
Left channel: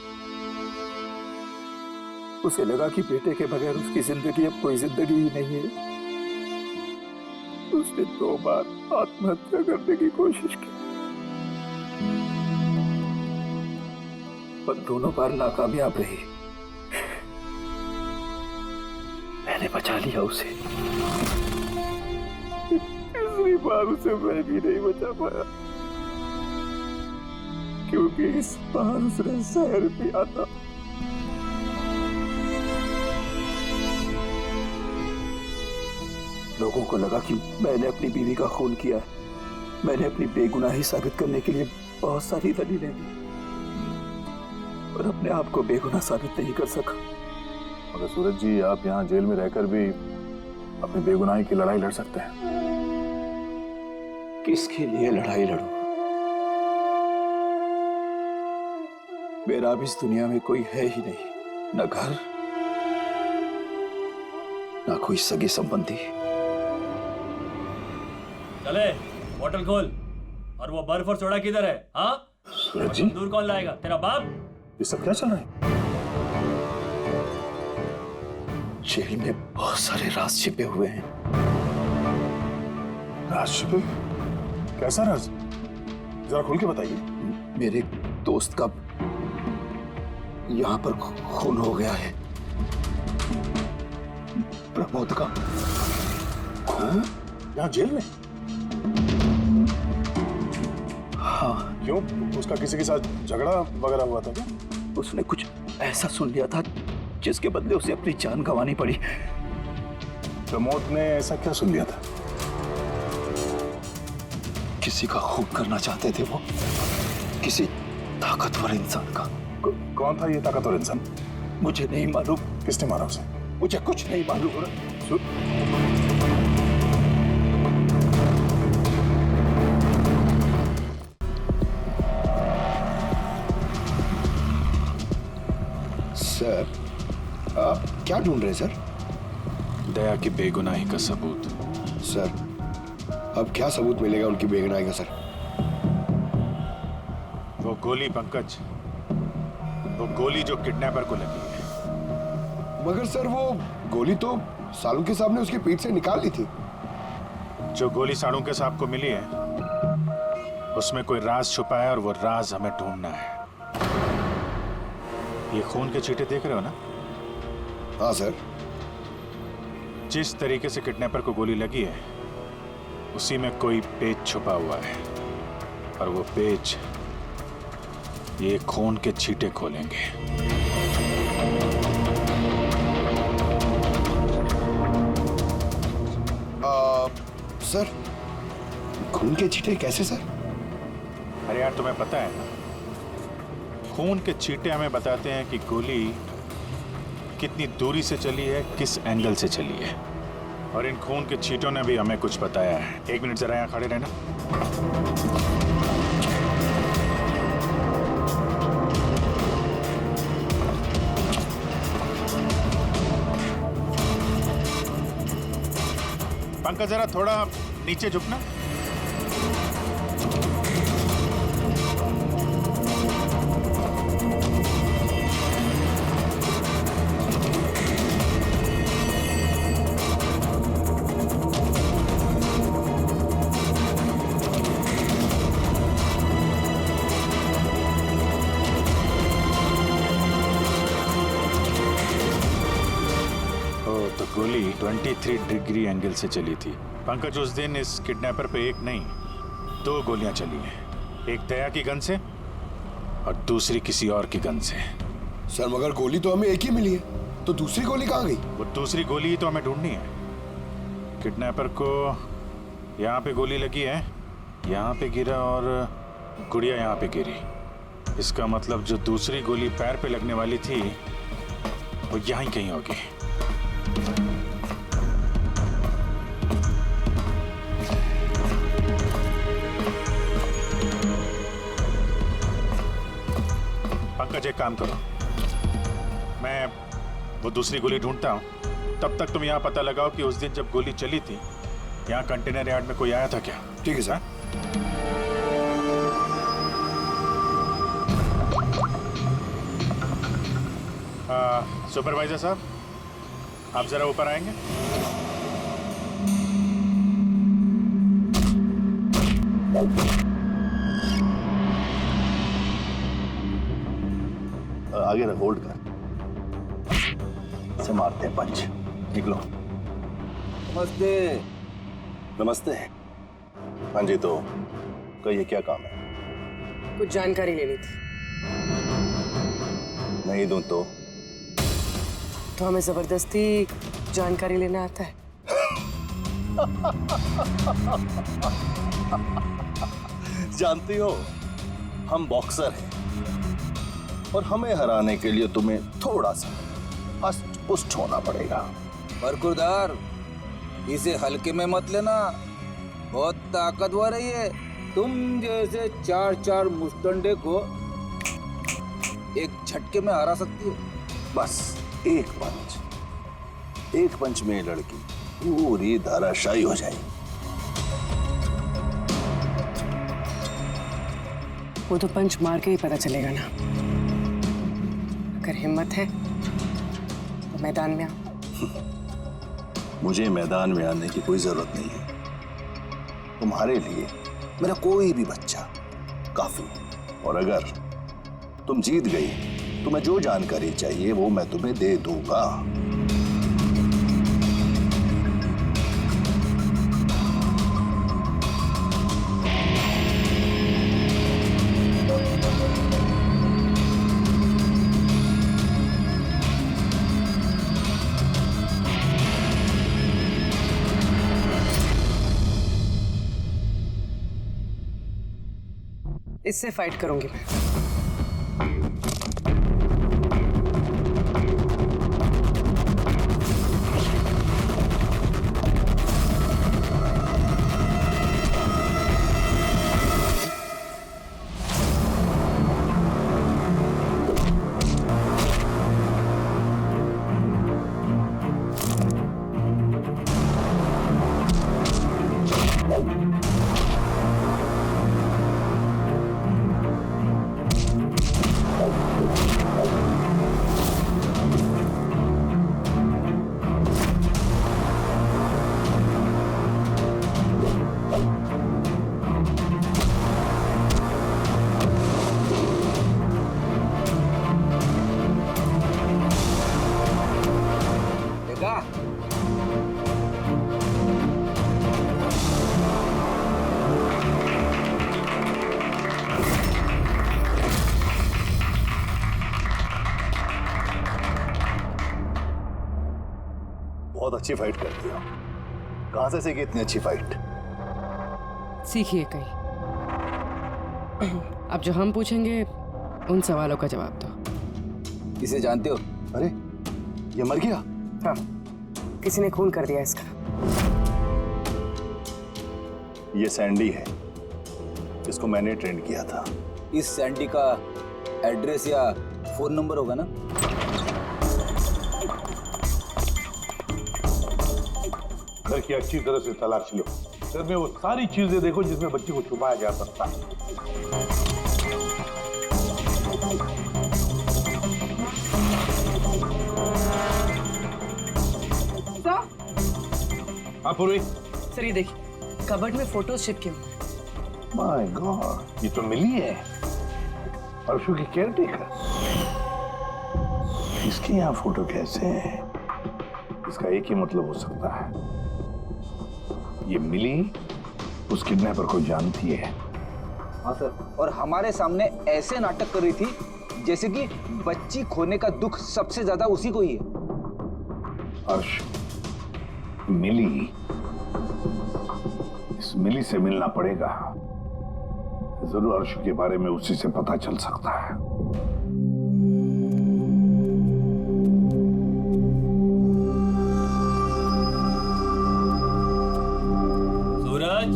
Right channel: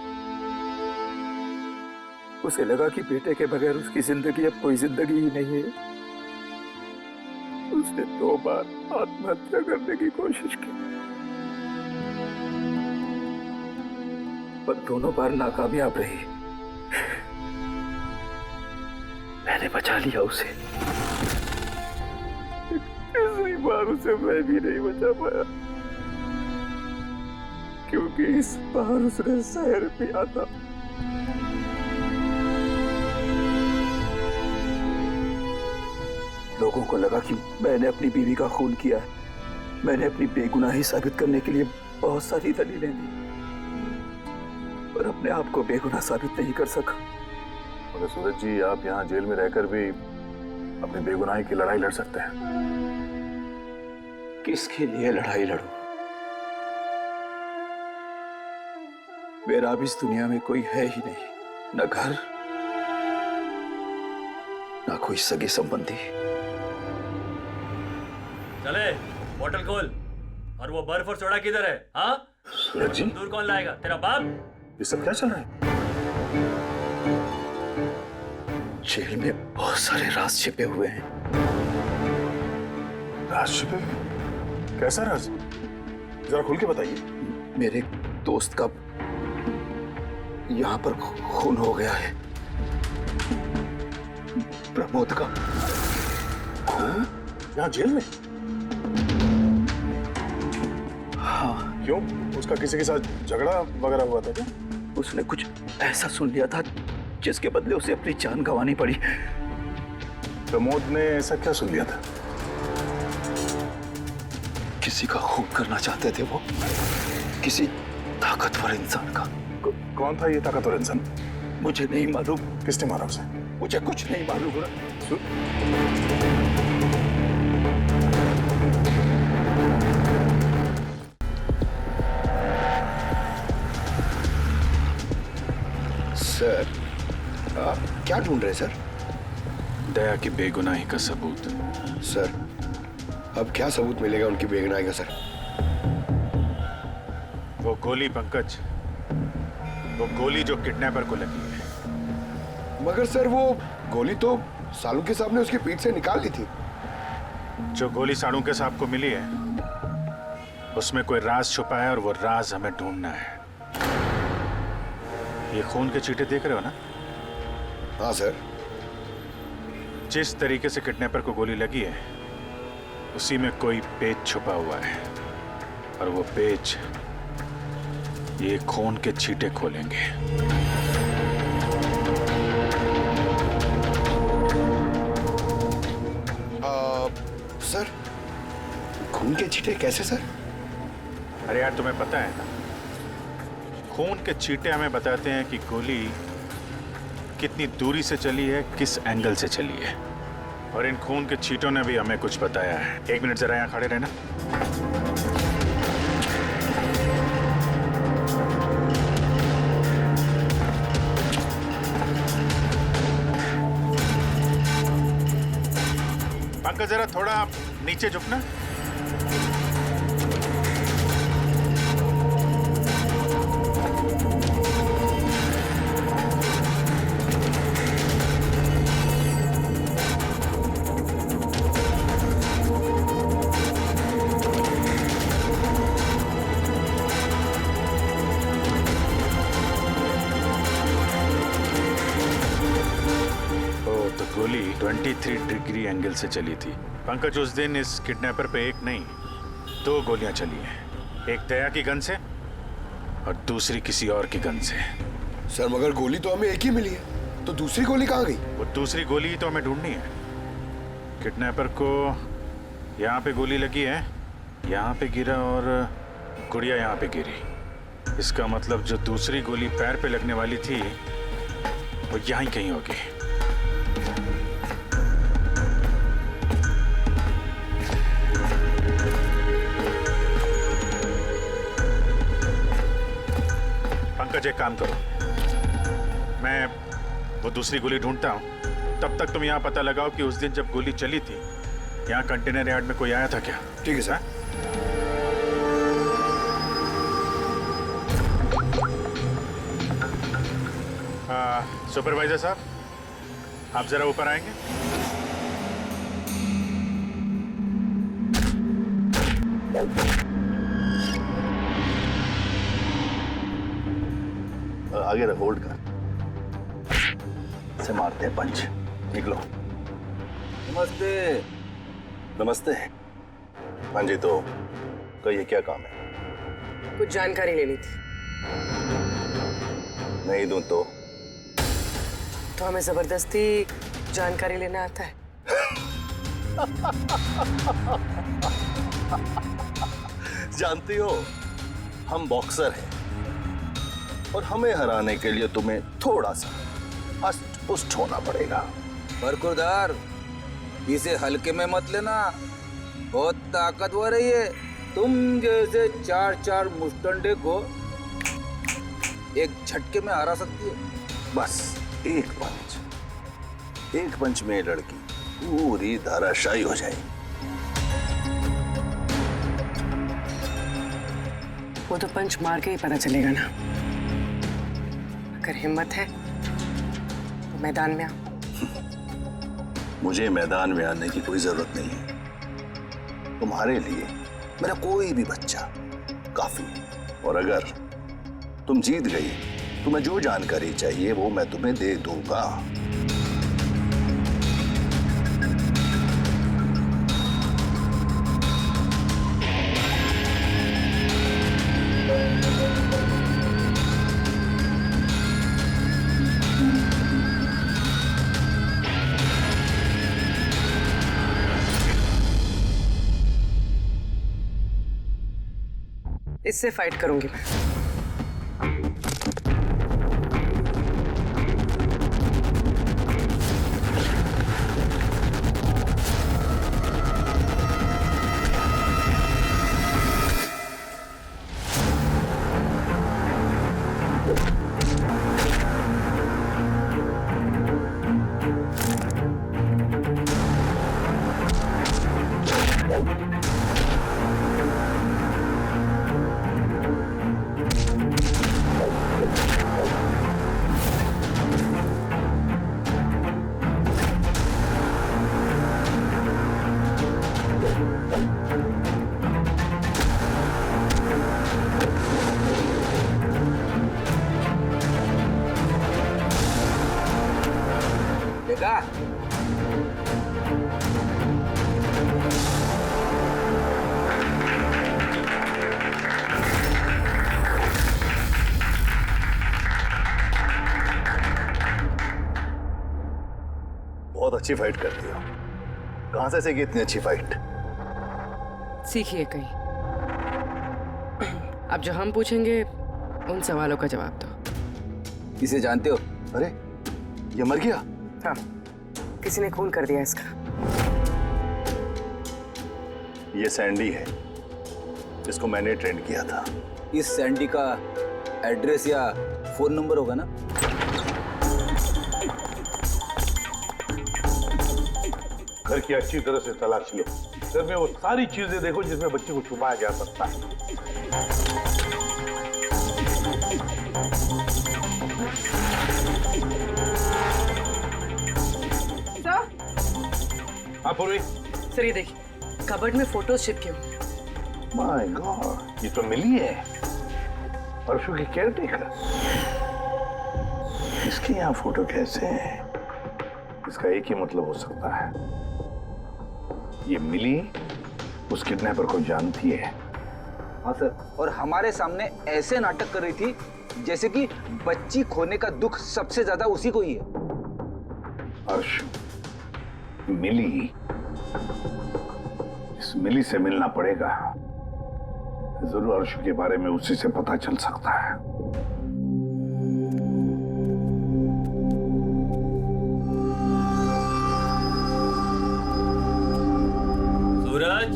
उसे लगा कि बेटे के बगैर उसकी जिंदगी अब कोई जिंदगी ही नहीं है। उसने 2 बार आत्महत्या करने की कोशिश की, पर दोनों बार नाकामयाब रही। मैंने बचा लिया उसे। तीसरी बार उसे मैं भी नहीं बचा पाया, क्योंकि इस बार उसने जहर पिया था। लोगों को लगा कि मैंने अपनी बीवी का खून किया है। मैंने अपनी बेगुनाही साबित करने के लिए बहुत सारी दलीलें दी, पर अपने आप को बेगुनाह साबित नहीं कर सका। मगर सूरज जी, आप यहाँ जेल में रहकर भी अपनी बेगुनाही की लड़ाई लड़ सकते हैं। किसके लिए लड़ाई लड़ूं? मेरा अब इस दुनिया में कोई है ही नहीं, न घर, न कोई सगे संबंधी। चले, बोतल खोल। और वो बर्फ और सोडा किधर है? हाँ सूरज जी, दूर कौन लाएगा? तेरा बाप? ये सब क्या चल रहा है? जेल में बहुत सारे राज छिपे हुए हैं। राज छिपे? कैसा राज? जरा खुल के बताइए। मेरे दोस्त का यहाँ पर खून हो गया है, प्रमोद का। हाँ? यहाँ जेल में? हाँ। क्यों? उसका किसी के साथ झगड़ा वगैरह हुआ था क्या? उसने कुछ ऐसा सुन लिया था जिसके बदले उसे अपनी जान गंवानी पड़ी। प्रमोद ने ऐसा क्या सुन लिया था? किसी का खून करना चाहते थे वो, किसी ताकतवर इंसान का। कौन था ये ताकतवर इंसान? मुझे नहीं मालूम। किसने मारा उसे? मुझे कुछ नहीं मालूम। सर, आप क्या ढूंढ रहे हैं सर? दया की बेगुनाही का सबूत। सर, अब क्या सबूत मिलेगा उनकी बेगुनाही का सर? वो गोली पंकज, वो गोली जो किडनैपर को लगी है। मगर सर, वो गोली तो सालुंके साहब ने उसकी पीठ से निकाल ली थी। जो गोली सालुंके साहब को मिली है उसमें कोई राज छुपा है और वो राज हमें ढूंढना है। ये खून के चीटे देख रहे हो ना? हाँ सर। जिस तरीके से किडनैपर को गोली लगी है उसी में कोई पेच छुपा हुआ है, और वो पेच ये खून के छींटे खोलेंगे। सर, खून के छींटे कैसे सर? अरे यार, तुम्हें पता है ना, खून के छींटे हमें बताते हैं कि गोली कितनी दूरी से चली है, किस एंगल से चली है। और इन खून के छींटों ने भी हमें कुछ बताया है। 1 मिनट जरा यहाँ खड़े रहना। पंकज, जरा थोड़ा नीचे झुकना। तो गोली 23 डिग्री एंगल से चली थी। पंकज, उस दिन इस किडनैपर पे 1 नहीं 2 गोलियां चली हैं। एक दया की गन से और दूसरी किसी और की गन से। सर, मगर गोली तो हमें एक ही मिली है, तो दूसरी गोली कहाँ गई? वो दूसरी गोली तो हमें ढूंढनी है। किडनैपर को यहाँ पे गोली लगी है, यहाँ पे गिरा और गुड़िया यहाँ पे गिरी। इसका मतलब जो दूसरी गोली पैर पे लगने वाली थी वो यहाँ ही कहीं होगी। पंकज, एक काम करो, मैं वो दूसरी गोली ढूंढता हूं, तब तक तुम यहां पता लगाओ कि उस दिन जब गोली चली थी यहाँ कंटेनर यार्ड में कोई आया था क्या? ठीक है सर। सुपरवाइजर साहब, आप जरा ऊपर आएंगे? आगे रख, होल्ड कर, से मारते हैं पंच। निकलो। नमस्ते। नमस्ते। हाँ जी, तो कहिए क्या काम है? कुछ जानकारी लेनी थी। नहीं दूं तो हमें जबरदस्ती जानकारी लेना आता है? जानती हो, हम बॉक्सर हैं और हमें हराने के लिए तुम्हें थोड़ा सा हष्ट पुष्ट होना पड़ेगा। बरकुरदार, इसे हल्के में मत लेना, बहुत ताकतवर है ये। तुम जैसे 4 मुस्टंडे को एक झटके में हरा सकती है। बस एक पंच में लड़की पूरी धराशायी हो जाएगी। वो तो पंच मार के ही पता चलेगा ना। अगर हिम्मत है तो मैदान में आओ। मुझे मैदान में आने की कोई जरूरत नहीं है। तुम्हारे लिए मेरा कोई भी बच्चा काफी है। और अगर तुम जीत गई, तुम्हें जो जानकारी चाहिए वो मैं तुम्हें दे दूंगा। इससे फाइट करूंगी मैं। देखा? बहुत अच्छी फाइट करती हो। कहां से सीखी इतनी अच्छी फाइट? सीखिए कहीं। अब जो हम पूछेंगे उन सवालों का जवाब दो। इसे जानते हो? अरे ये मर गया? हाँ, किसी ने खून कर दिया इसका। ये सैंडी है, जिसको मैंने ट्रेन किया था। इस सैंडी का एड्रेस या फोन नंबर होगा ना? घर की अच्छी तरह से तलाश लो। घर में वो सारी चीजें देखो जिसमें बच्ची को छुपाया जा सकता है। हाँ पूर्वी। सर ये देखिए, कबर्ड में फोटोज चिपके हुए हैं। माय गॉड, ये तो मिली है, परसों की केयरटेकर। इसके यहाँ फोटो कैसे है? इसका एक ही मतलब हो सकता है, ये मिली उस किडनैपर को जानती है। हाँ सर, और हमारे सामने ऐसे नाटक कर रही थी जैसे कि बच्ची खोने का दुख सबसे ज्यादा उसी को ही है। अर्श, मिली, इस मिली से मिलना पड़ेगा। जरूर अर्श के बारे में उसी से पता चल सकता है। सूरज,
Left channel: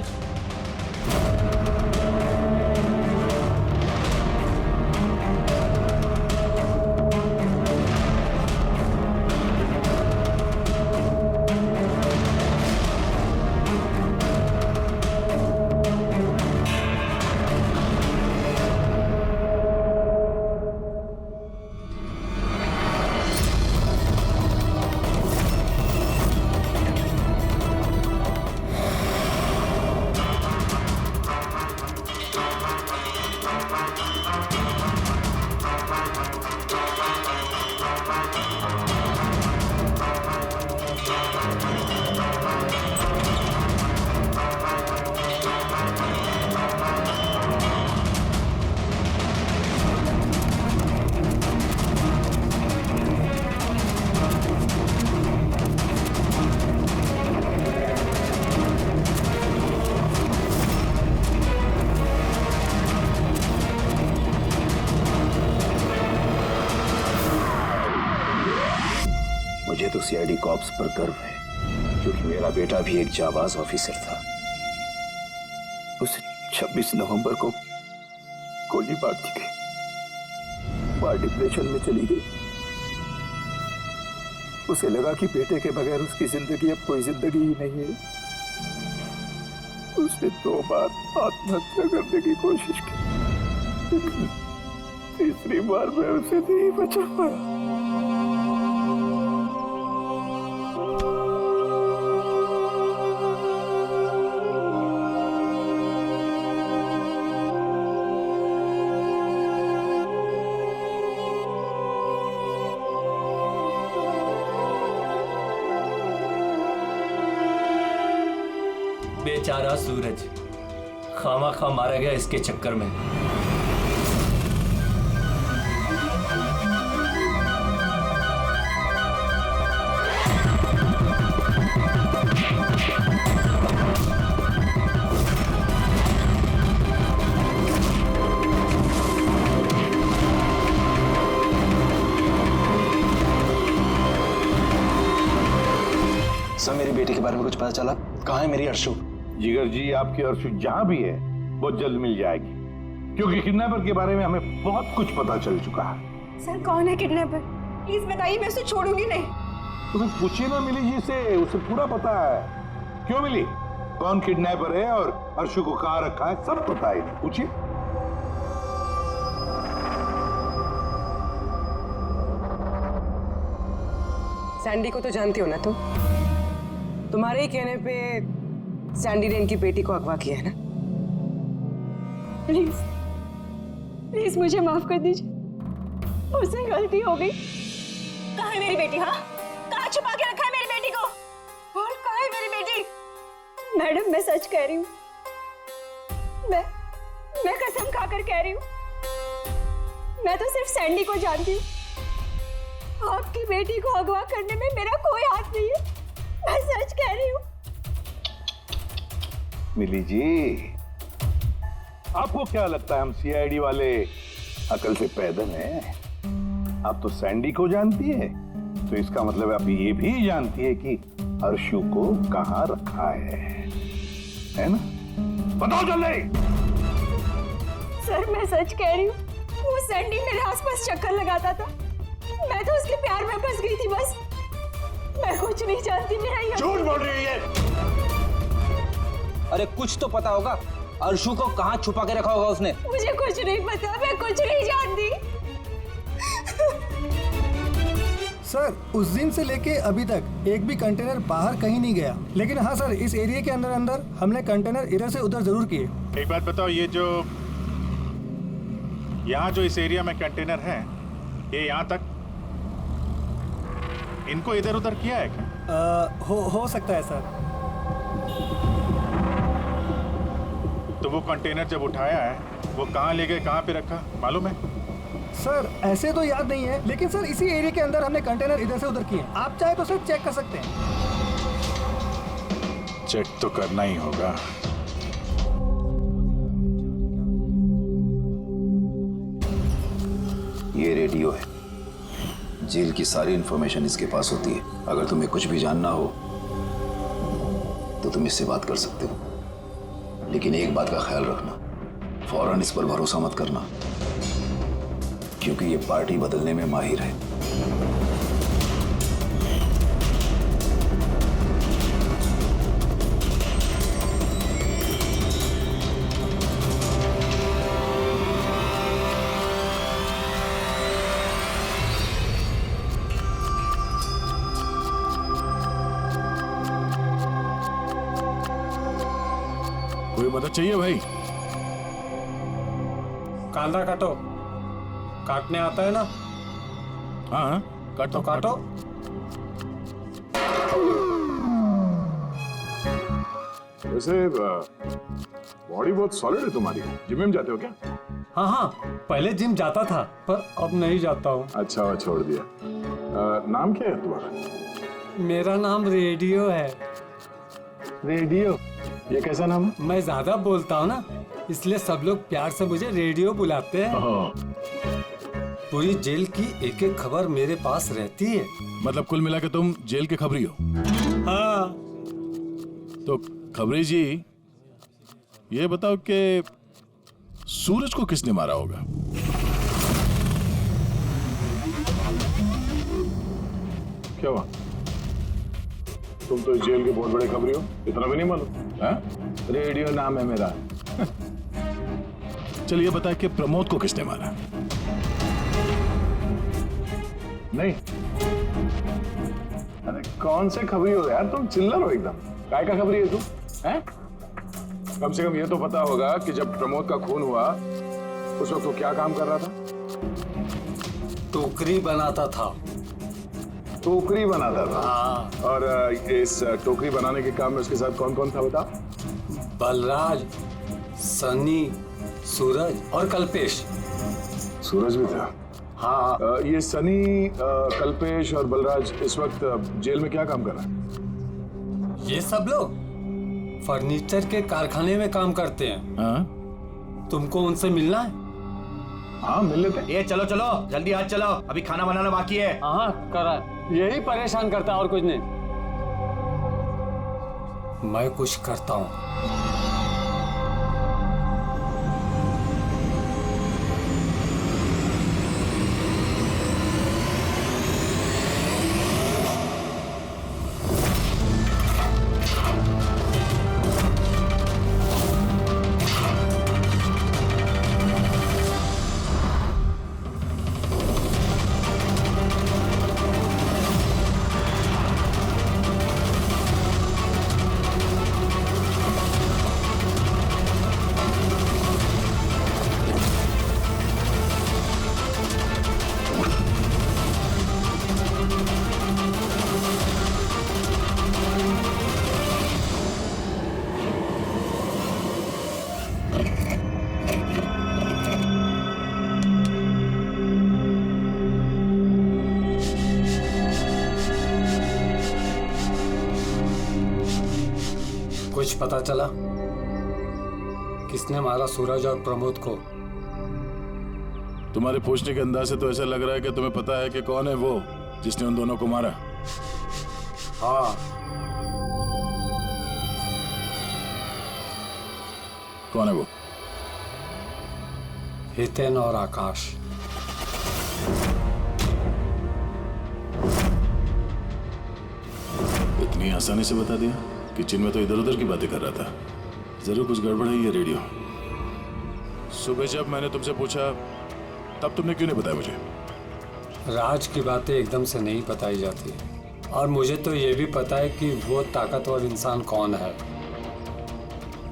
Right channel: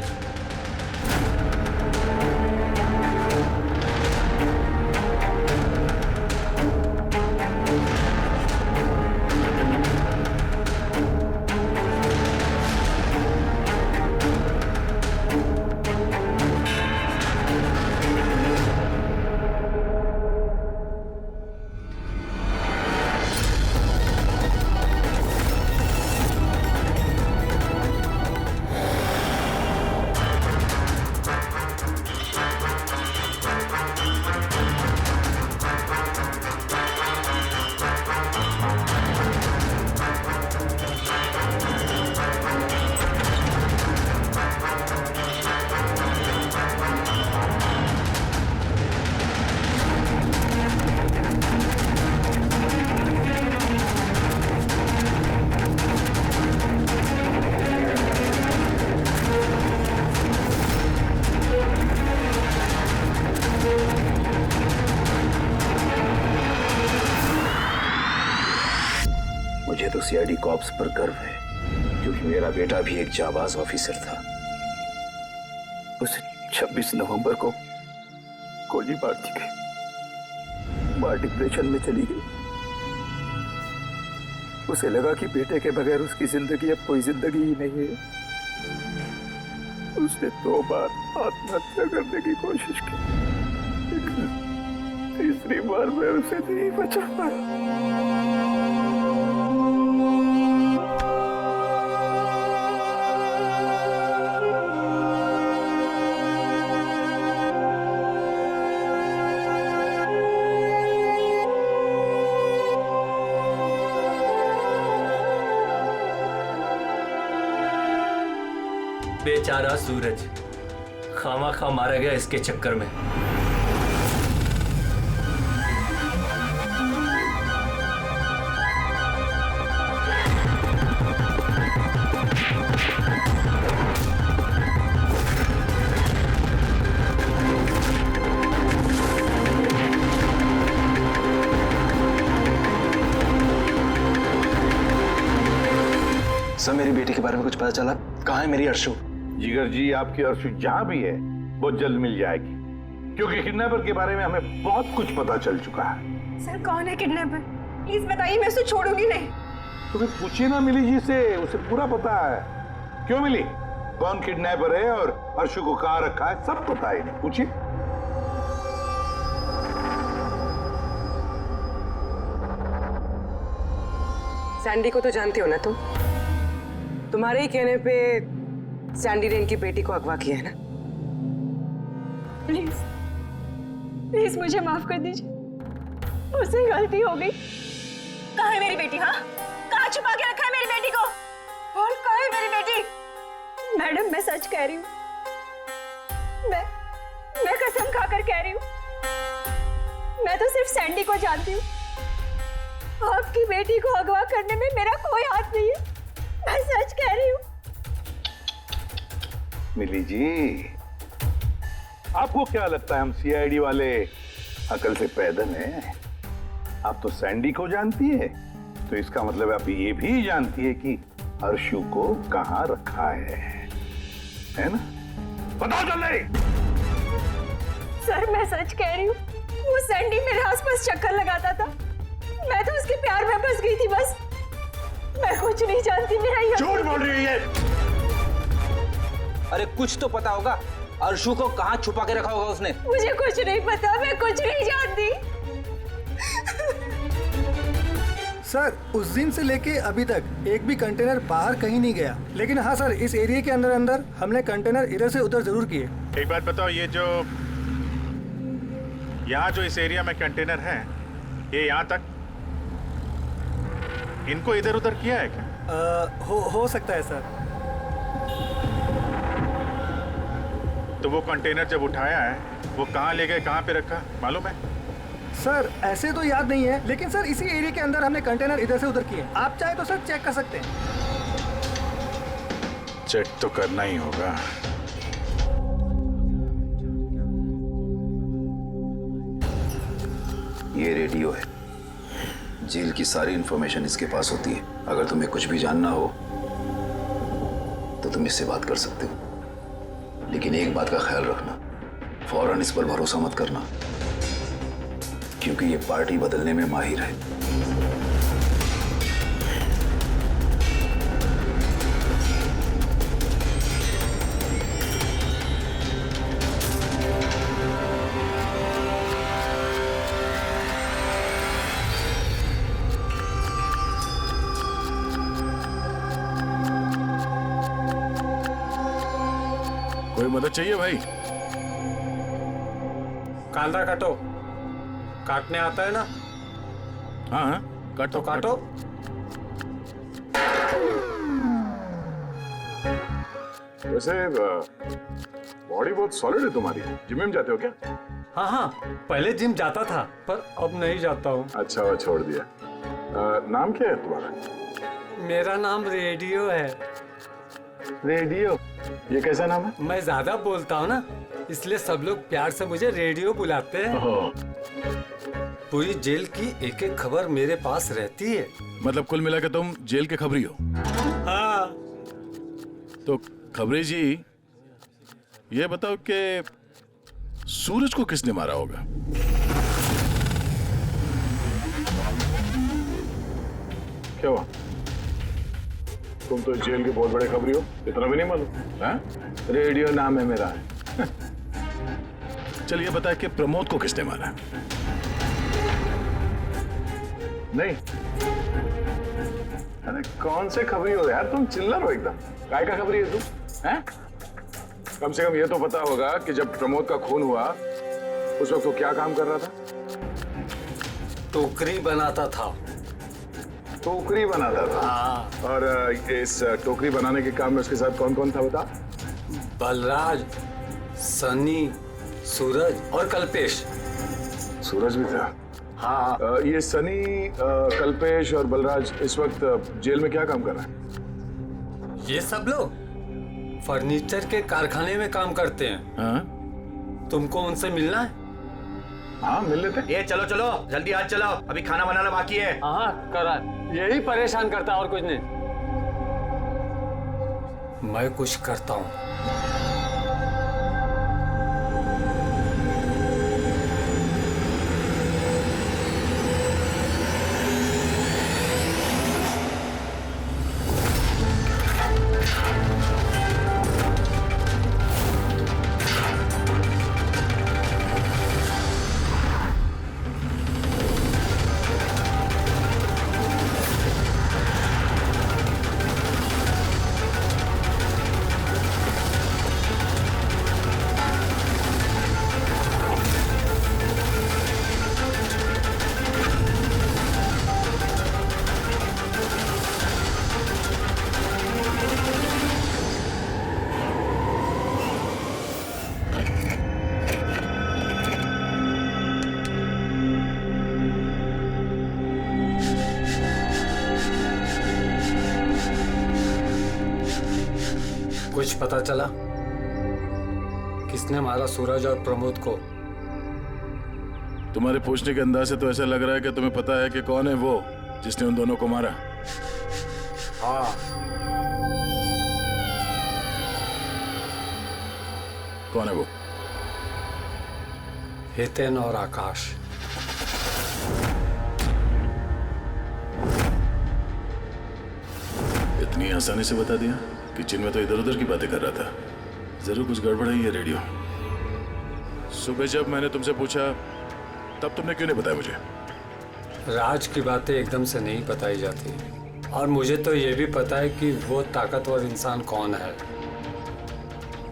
सूरज। मुझे तो सीआईडी कॉप्स पर गर्व है, क्योंकि मेरा बेटा भी एक जाबाज ऑफिसर था। उसे 26 नवंबर को गोली मार दी गई। मां डिप्रेशन में चली गई। उसे लगा कि बेटे के बगैर उसकी जिंदगी अब कोई जिंदगी ही नहीं है। उसने 2 बार आत्महत्या करने की कोशिश की, लेकिन तीसरी बार मैं उसे नहीं बचा पाया। बेचारा सूरज खामा खा मारा गया इसके चक्कर में। सर, मेरी बेटी के बारे में कुछ पता चला? कहाँ है मेरी अर्शु? जिगर जी, आपकी अर्शु जहां भी है बहुत जल्द मिल जाएगी, क्योंकि किडनैपर के बारे में हमें बहुत कुछ पता चल चुका है। सर, कौन है किडनैपर? प्लीज बताइए, मैं उसे छोड़ूंगी नहीं। तो फिर पूछिए ना मिली जी से, उसे पूरा पता है। क्यों मिली, कौन किडनैपर है और अर्शु को कहाँ रखा है, सब पता है। नहीं पूछिए। सैंडी को तो जानती हो ना तुम? तुम्हारे ही कहने पे सैंडी ने इनकी बेटी को अगवा किया है ना? प्लीज प्लीज मुझे माफ कर दीजिए, मुझसे गलती हो गई। कहाँ है मेरी बेटी? हाँ, कहाँ छुपा के रखा है मेरी बेटी को? और कहाँ है मेरी बेटी? मैडम, मैं सच कह रही हूँ, मैं कसम खाकर कह रही हूँ, मैं तो सिर्फ सैंडी को जानती हूँ। आपकी बेटी को अगवा करने में मेरा कोई हाथ नहीं है, मैं सच कह रही हूँ। मिली जी, आपको क्या लगता है हम सीआईडी वाले अकल से पैदल हैं? आप तो सैंडी को जानती है, तो इसका मतलब आप ये भी जानती है कि अर्शु को कहाँ रखा है ना? बताओ जल्दी। सर, मैं सच कह रही हूँ, वो सैंडी मेरे आसपास चक्कर लगाता था, मैं तो उसके प्यार में फंस गई थी बस। मैं कुछ नहीं जानती, मेरा ये झूठ बोल रही है। अरे कुछ तो पता होगा, अर्शु को कहाँ छुपा के रखा होगा उसने? मुझे कुछ नहीं पता, मैं कुछ नहीं जानती। सर, उस दिन से लेके अभी तक एक भी कंटेनर बाहर कहीं नहीं गया, लेकिन हाँ सर, इस एरिया के अंदर अंदर हमने कंटेनर इधर से उधर जरूर किए। एक बात बताओ, ये जो यहाँ जो इस एरिया में कंटेनर है, ये यहाँ तक इनको इधर उधर किया है क्या? हो सकता है सर। तो वो कंटेनर जब उठाया है, वो कहाँ ले गए, कहाँ पे रखा, मालूम है? सर, ऐसे तो याद नहीं है, लेकिन सर इसी एरिया के अंदर हमने कंटेनर इधर से उधर किए। आप चाहे तो सर चेक कर सकते हैं। चेक तो करना ही होगा। ये रेडियो है, जेल की सारी इंफॉर्मेशन इसके पास होती है। अगर तुम्हें कुछ भी जानना हो तो तुम इससे बात कर सकते हो। लेकिन एक बात का ख्याल रखना, फौरन इस पर भरोसा मत करना, क्योंकि ये पार्टी बदलने में माहिर है। कोई मदद चाहिए भाई? कांदा काटो। काटने आता है ना? हाँ काटो तो काटो। वैसे बॉडी बहुत सॉलिड है तुम्हारी। जिम में जाते हो क्या? हाँ हाँ, पहले जिम जाता था पर अब नहीं जाता हूँ। अच्छा, वो छोड़ दिया। नाम क्या है तुम्हारा? मेरा नाम रेडियो है। रेडियो? ये कैसा नाम है? मैं ज्यादा बोलता हूँ ना, इसलिए सब लोग प्यार से मुझे रेडियो बुलाते हैं। पूरी जेल की एक एक खबर मेरे पास रहती है। मतलब कुल मिला के तुम जेल के खबरी हो? हाँ। तो खबरी जी, ये बताओ कि सूरज को किसने मारा होगा? क्या हुआ? तुम तो जेल के बहुत बड़े खबरी हो, इतना भी नहीं मालूम? रेडियो नाम है मेरा। चलिए बता कि प्रमोद को किसने मारा? नहीं। अरे कौन से खबरी हो यार, तुम चिल्लर हो एकदम। काय का खबरी है तुम? हैं? कम से कम ये तो पता होगा कि जब प्रमोद का खून हुआ उस वक्त वो क्या काम कर रहा था? टोकरी बनाता था। टोकरी बनाता था? हाँ। और इस टोकरी बनाने के काम में उसके साथ कौन कौन था बता? बलराज, सनी, सूरज और कल्पेश। सूरज भी था? हाँ। ये सनी, कल्पेश और बलराज इस वक्त जेल में क्या काम कर रहे हैं? ये सब लोग फर्नीचर के कारखाने में काम करते हैं। हाँ? तुमको उनसे मिलना है? हाँ मिल लेते। ये चलो चलो जल्दी हाथ चलाओ, अभी खाना बनाना बाकी है। हाँ करा, यही परेशान करता और कुछ नहीं। मैं कुछ करता हूँ। कुछ पता चला किसने मारा सूरज और प्रमोद को? तुम्हारे पूछने के अंदाज से तो ऐसा लग रहा है कि तुम्हें पता है कि कौन है वो जिसने उन दोनों को मारा। हाँ। कौन है वो? हितेन और आकाश। इतनी आसानी से बता दिया? किचन में तो इधर उधर की बातें कर रहा था। जरूर कुछ गड़बड़ है ये रेडियो। सुबह जब मैंने तुमसे पूछा तब तुमने क्यों नहीं बताया मुझे? राज की बातें एकदम से नहीं बताई जाती, और मुझे तो ये भी पता है कि वो ताकतवर इंसान कौन है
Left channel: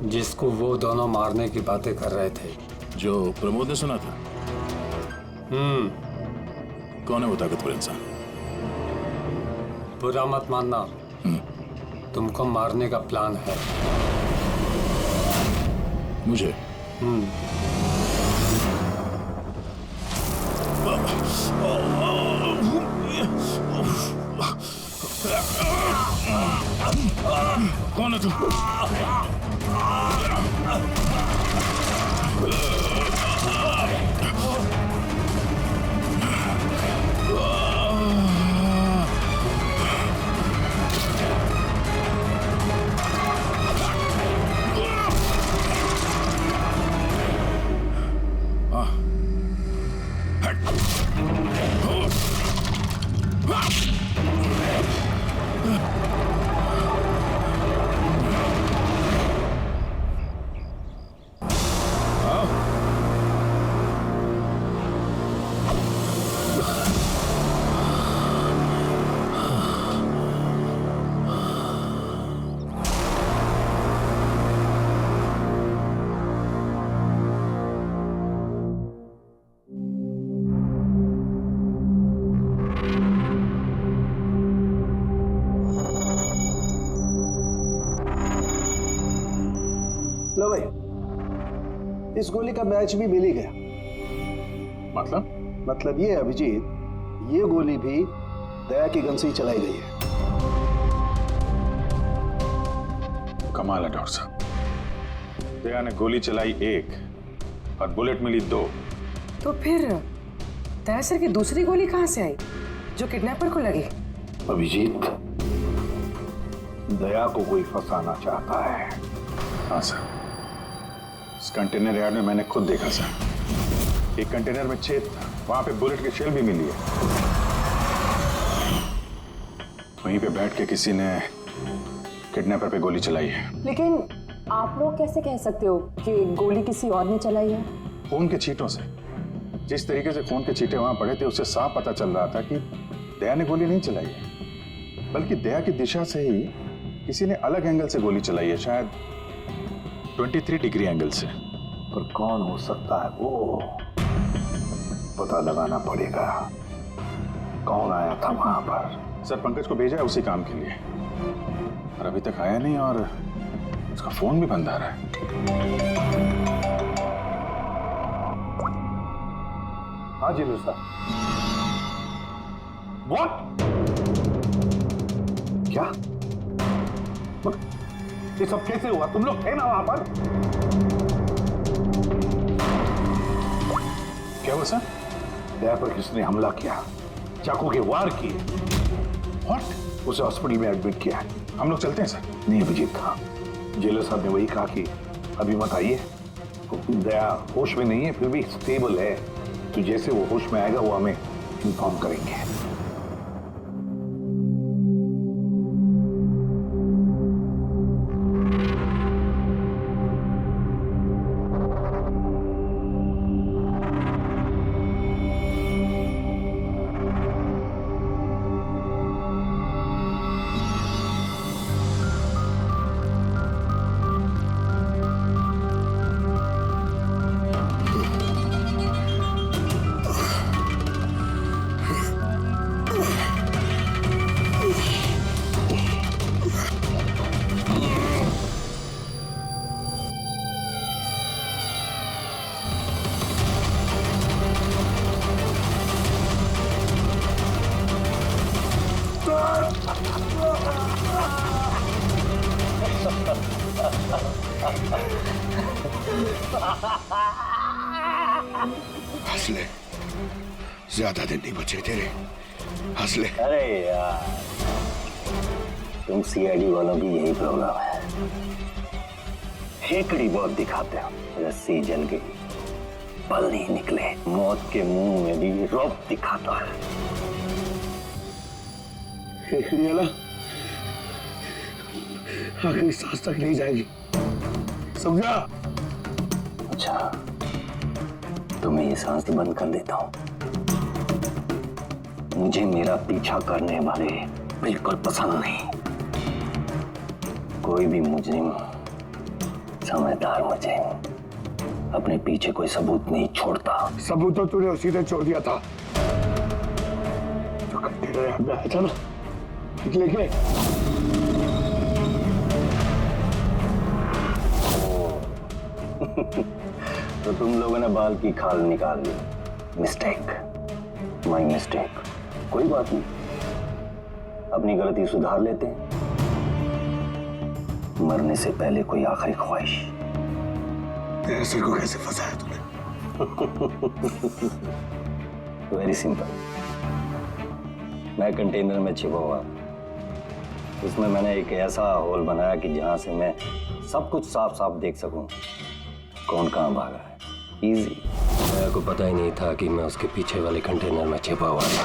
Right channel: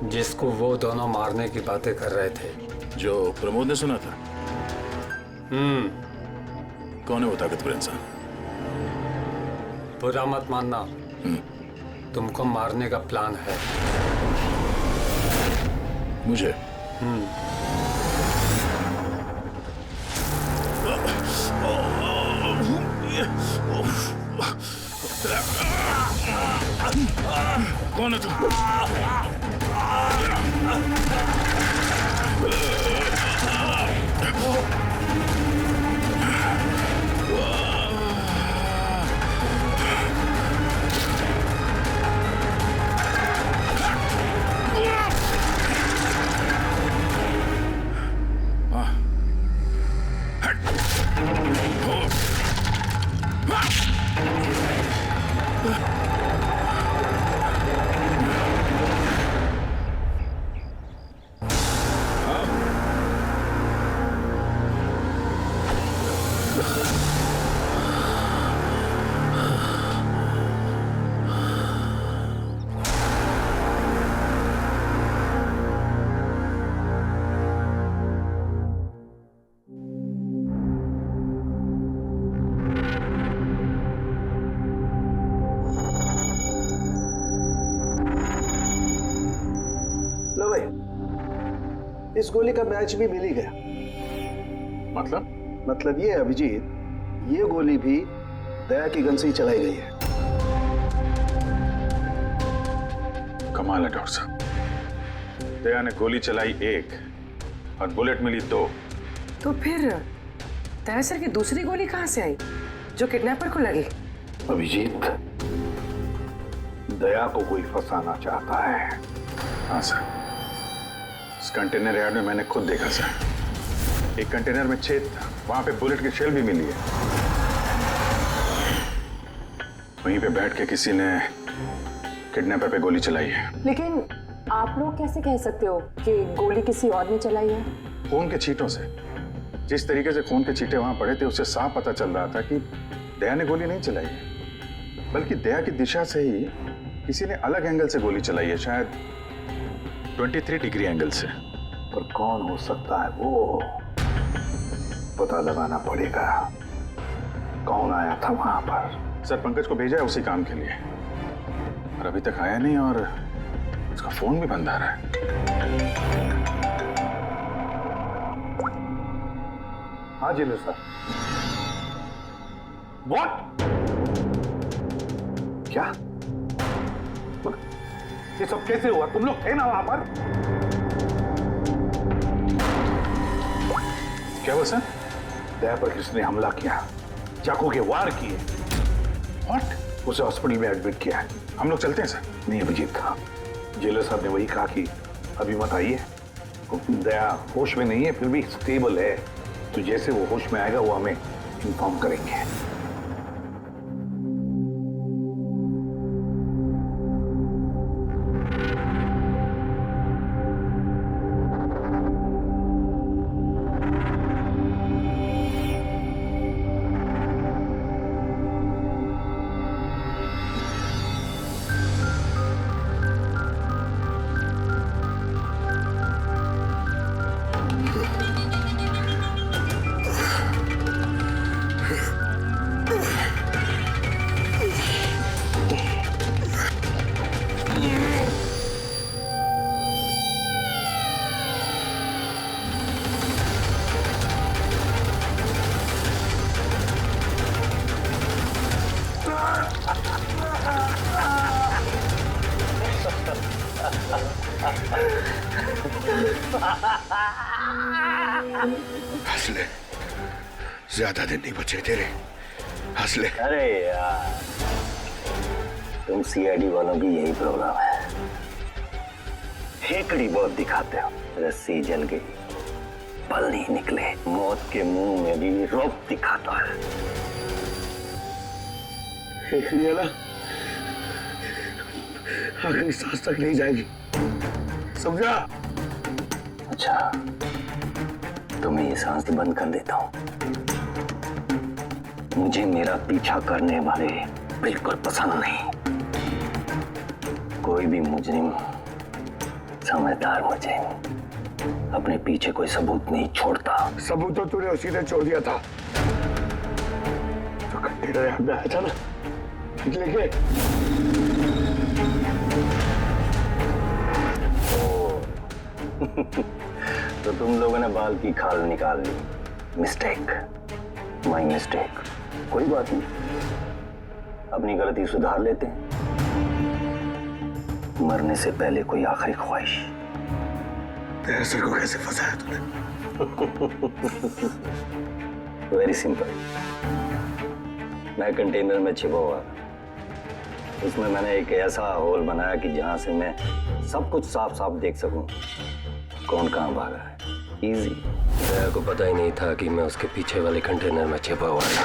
जिसको वो दोनों मारने की बातें कर रहे थे। जो प्रमोद ने सुना था? कौन है वो ताकतवर इंसान? बुरा मत मानना, तुमको मारने का प्लान है। मुझे? कौन है तू? इस गोली का मैच भी मिल ही गया। मतलब ये अभिजीत, ये गोली भी दया की गन से ही चलाई गई है। कमाल है डॉक्टर साहब, दया ने गोली चलाई 1 और बुलेट मिली 2। तो फिर दया सर की दूसरी गोली कहां से आई जो किडनैपर को लगी? अभिजीत, दया को कोई फंसाना चाहता है। हाँ सर, इस कंटेनर यार्ड में मैंने खुद देखा सर। एक कंटेनर में छेद था, वहां पे बुलेट की शेल भी मिली है। वहीं पे बैठ के किसी ने किडनैपर पे गोली चलाई है। लेकिन आप लोग कैसे कह सकते हो कि गोली किसी और ने चलाई है? खून के छींटों से, जिस तरीके से खून के छींटे वहां पड़े थे उससे साफ पता चल रहा था कि दया ने गोली नहीं चलाई है, बल्कि दया की दिशा से ही किसी ने अलग एंगल से गोली चलाई है, शायद 23 डिग्री एंगल से। पर कौन हो सकता है वो पता लगाना पड़ेगा। कौन आया था वहां पर? सर पंकज को भेजा है उसी काम के लिए, और अभी तक आया नहीं, और उसका फोन भी बंद आ रहा है। हाँ जी सर। व्हाट? क्या? ये सब कैसे हुआ? तुम लोग थे ना वहां पर? क्या हुआ सर? दया पर किसने हमला किया, चाकू के वार किए। व्हाट? उसे हॉस्पिटल में एडमिट किया है। हम लोग चलते हैं सर। नहीं अभिजीत, हाँ, जेलर साहब ने वही कहा कि अभी मत आइए। दया होश में नहीं है, फिर भी स्टेबल है, तो जैसे वो होश में आएगा वो हमें इन्फॉर्म करेंगे। हंस ले, ज्यादा दिन नहीं बचे तेरे, हंस ले। अरे यार, तुम सीआईडी वालों की यही प्रॉब्लम है, हेकड़ी बहुत दिखाते हो। रस्सी जल गई, पल नहीं निकले, मौत के मुंह में भी रौब दिखाता है। हेकड़ी वाला आखिरी सांस तक नहीं जाएगी, समझा? अच्छा, तो मैं ये सांस बंद कर देता हूं। मुझे मेरा पीछा करने वाले बिल्कुल पसंद नहीं। कोई भी मुजरिम, समझदार मुजरिम अपने पीछे कोई सबूत नहीं छोड़ता। सबूत तो तूने उसी ने छोड़ दिया था जो कंटेनर यार्ड में आया था ना, लेके। तो तुम लोगों ने बाल की खाल निकाल ली। Mistake, my mistake. कोई बात नहीं, अपनी गलती सुधार लेते हैं। मरने से पहले कोई आखिरी ख्वाहिश। तेरे सर को कैसे फंसाया तूने? Very simple. मैं कंटेनर में छिपा हुआ, उसमें मैंने एक ऐसा होल बनाया कि जहां से मैं सब कुछ साफ साफ देख सकूं कौन कहां भागा है। इजी। दया को पता ही नहीं था कि मैं उसके पीछे वाले कंटेनर में छिपा हुआ था।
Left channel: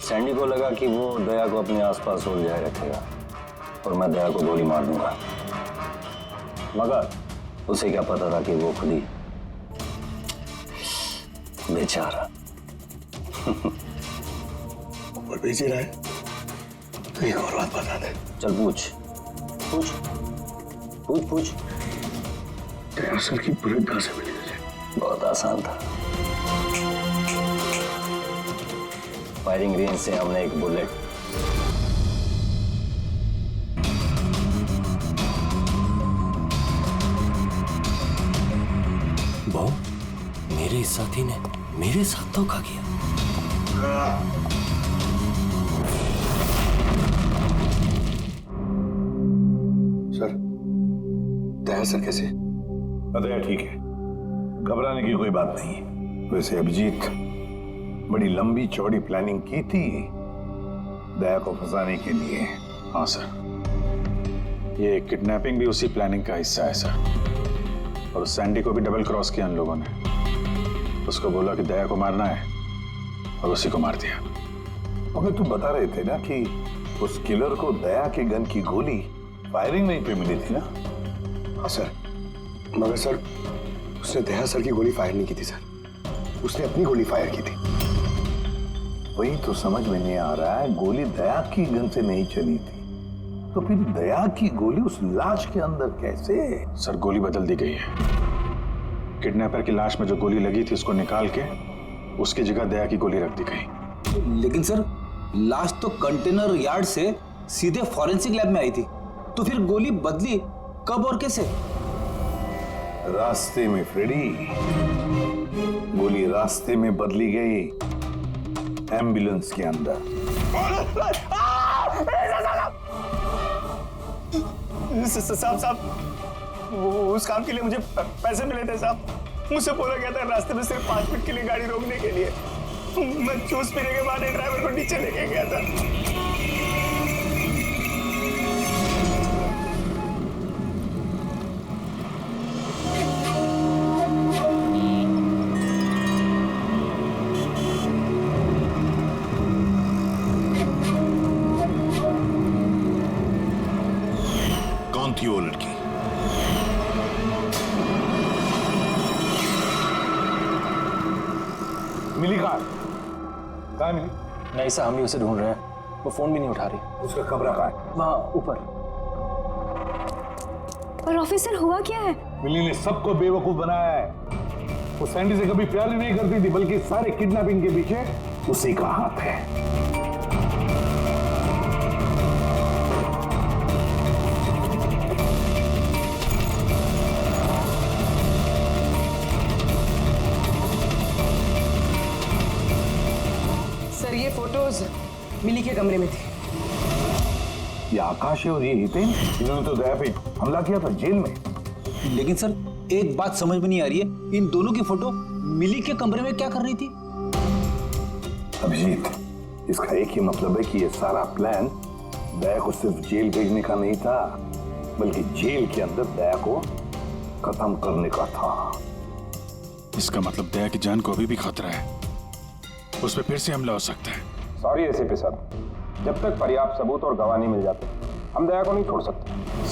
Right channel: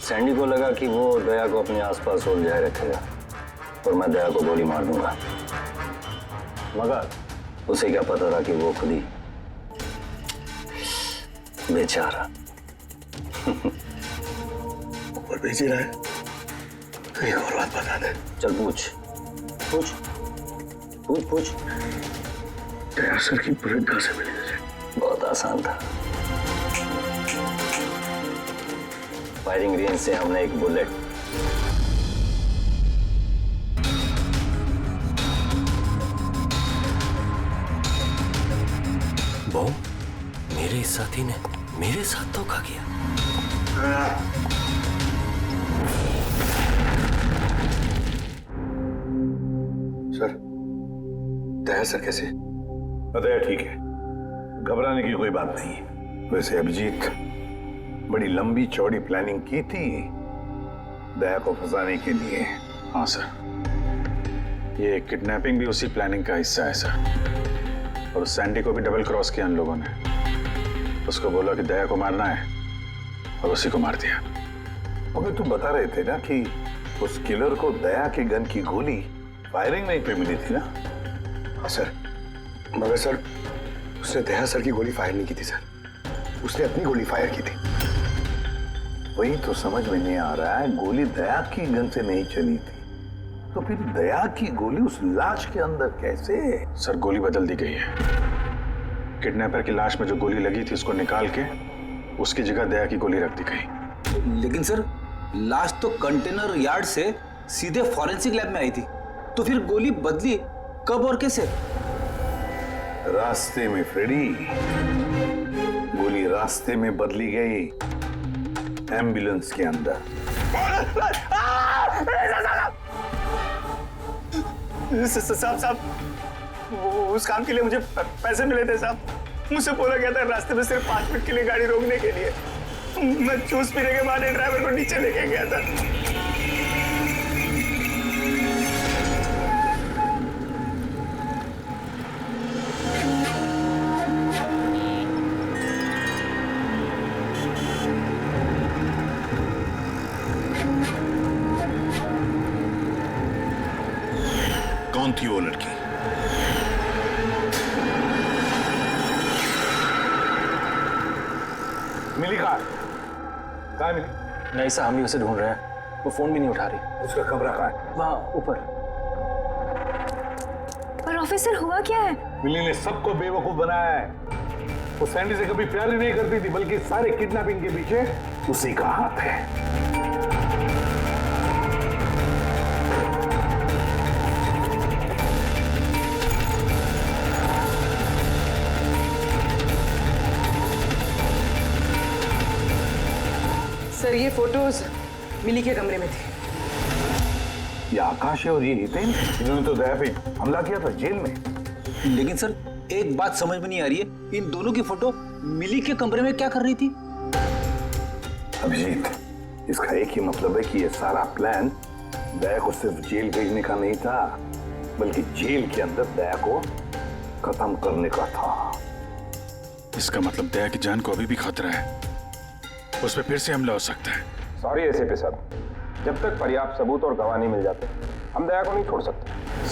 सैंडी को लगा कि वो दया को अपने आसपास उलझाए रखेगा और मैं दया को गोली मार दूंगा, मगर उसे क्या पता था कि वो खुद ही बेचारा ऊपर भेज रहा है। एक और बात बता दे। चल पूछ पूछ पूछ पूछ। दया सर की बुलेट कहां से मिली तुझे? बहुत आसान था। फायरिंग रेंज से हमने एक बुलेट इस साथी ने मेरे साथ धोखा किया। सर, दया सर कैसे? दया ठीक है, घबराने की कोई बात नहीं है। वैसे अभिजीत, बड़ी लंबी चौड़ी प्लानिंग की थी दया को फंसाने के लिए। हाँ सर, ये किडनैपिंग भी उसी प्लानिंग का हिस्सा है सर। और सैंडी को भी डबल क्रॉस किया उन लोगों ने। उसको बोला कि दया को मारना है और उसी को मार दिया। हमें तुम बता रहे थे ना कि उस किलर को दया के गन की गोली फायरिंग नहीं पे मिली थी ना? हाँ सर, मगर सर उसने दया सर की गोली फायर नहीं की थी सर, उसने अपनी गोली फायर की थी। वही तो समझ में नहीं आ रहा है, गोली दया की गन से नहीं चली थी तो फिर दया की गोली उस लाश के अंदर कैसे? सर गोली बदल दी गई है। किडनैपर की लाश में जो गोली लगी थी उसको निकाल के उसकी जगह दया की गोली रख दी गई। लेकिन सर लाश तो कंटेनर यार्ड से सीधे फॉरेंसिक लैब में आई थी, तो फिर गोली बदली कब और कैसे? रास्ते में फ्रेडी, गोली रास्ते में बदली गई, एम्बुलेंस के अंदर। साहब, उस काम के लिए मुझे पैसे मिले थे साहब। मुझसे बोला गया था रास्ते में सिर्फ 5 मिनट के लिए गाड़ी रोकने के लिए। मैं जूस पीने के बाद ड्राइवर को नीचे लेके गया था। कौन थी वो लड़की? मिली कहाँ मिली? नहीं साहब, हम ही उसे ढूंढ रहे हैं, वो फोन भी नहीं उठा रही। उसका कमरा कहाँ है? वहाँ ऊपर। पर ऑफिसर हुआ क्या है? मिली ने सबको बेवकूफ बनाया है। वो सैंडी से कभी प्यार ही नहीं करती थी, बल्कि सारे किडनैपिंग के पीछे उसी का हाथ है। सर ये फोटोज मिली के कमरे में थी। ये आकाश है और ये हितेन, इन्होंने तो दया पे हमला किया था जेल में। लेकिन सर एक बात समझ में नहीं आ रही है, इन दोनों की फोटो मिली के कमरे में क्या कर रही थी? अभिजीत, इसका एक ही मतलब है कि ये सारा प्लान दया को सिर्फ जेल भेजने का नहीं था, बल्कि जेल के अंदर दया को खत्म करने का था। इसका मतलब दया की जान को अभी भी खतरा है, उस पर फिर से हमला हो सकता है। सॉरी एसीपी साहब, जब तक पर्याप्त सबूत और गवाह नहीं मिल जाते हम दया को नहीं छोड़ सकते।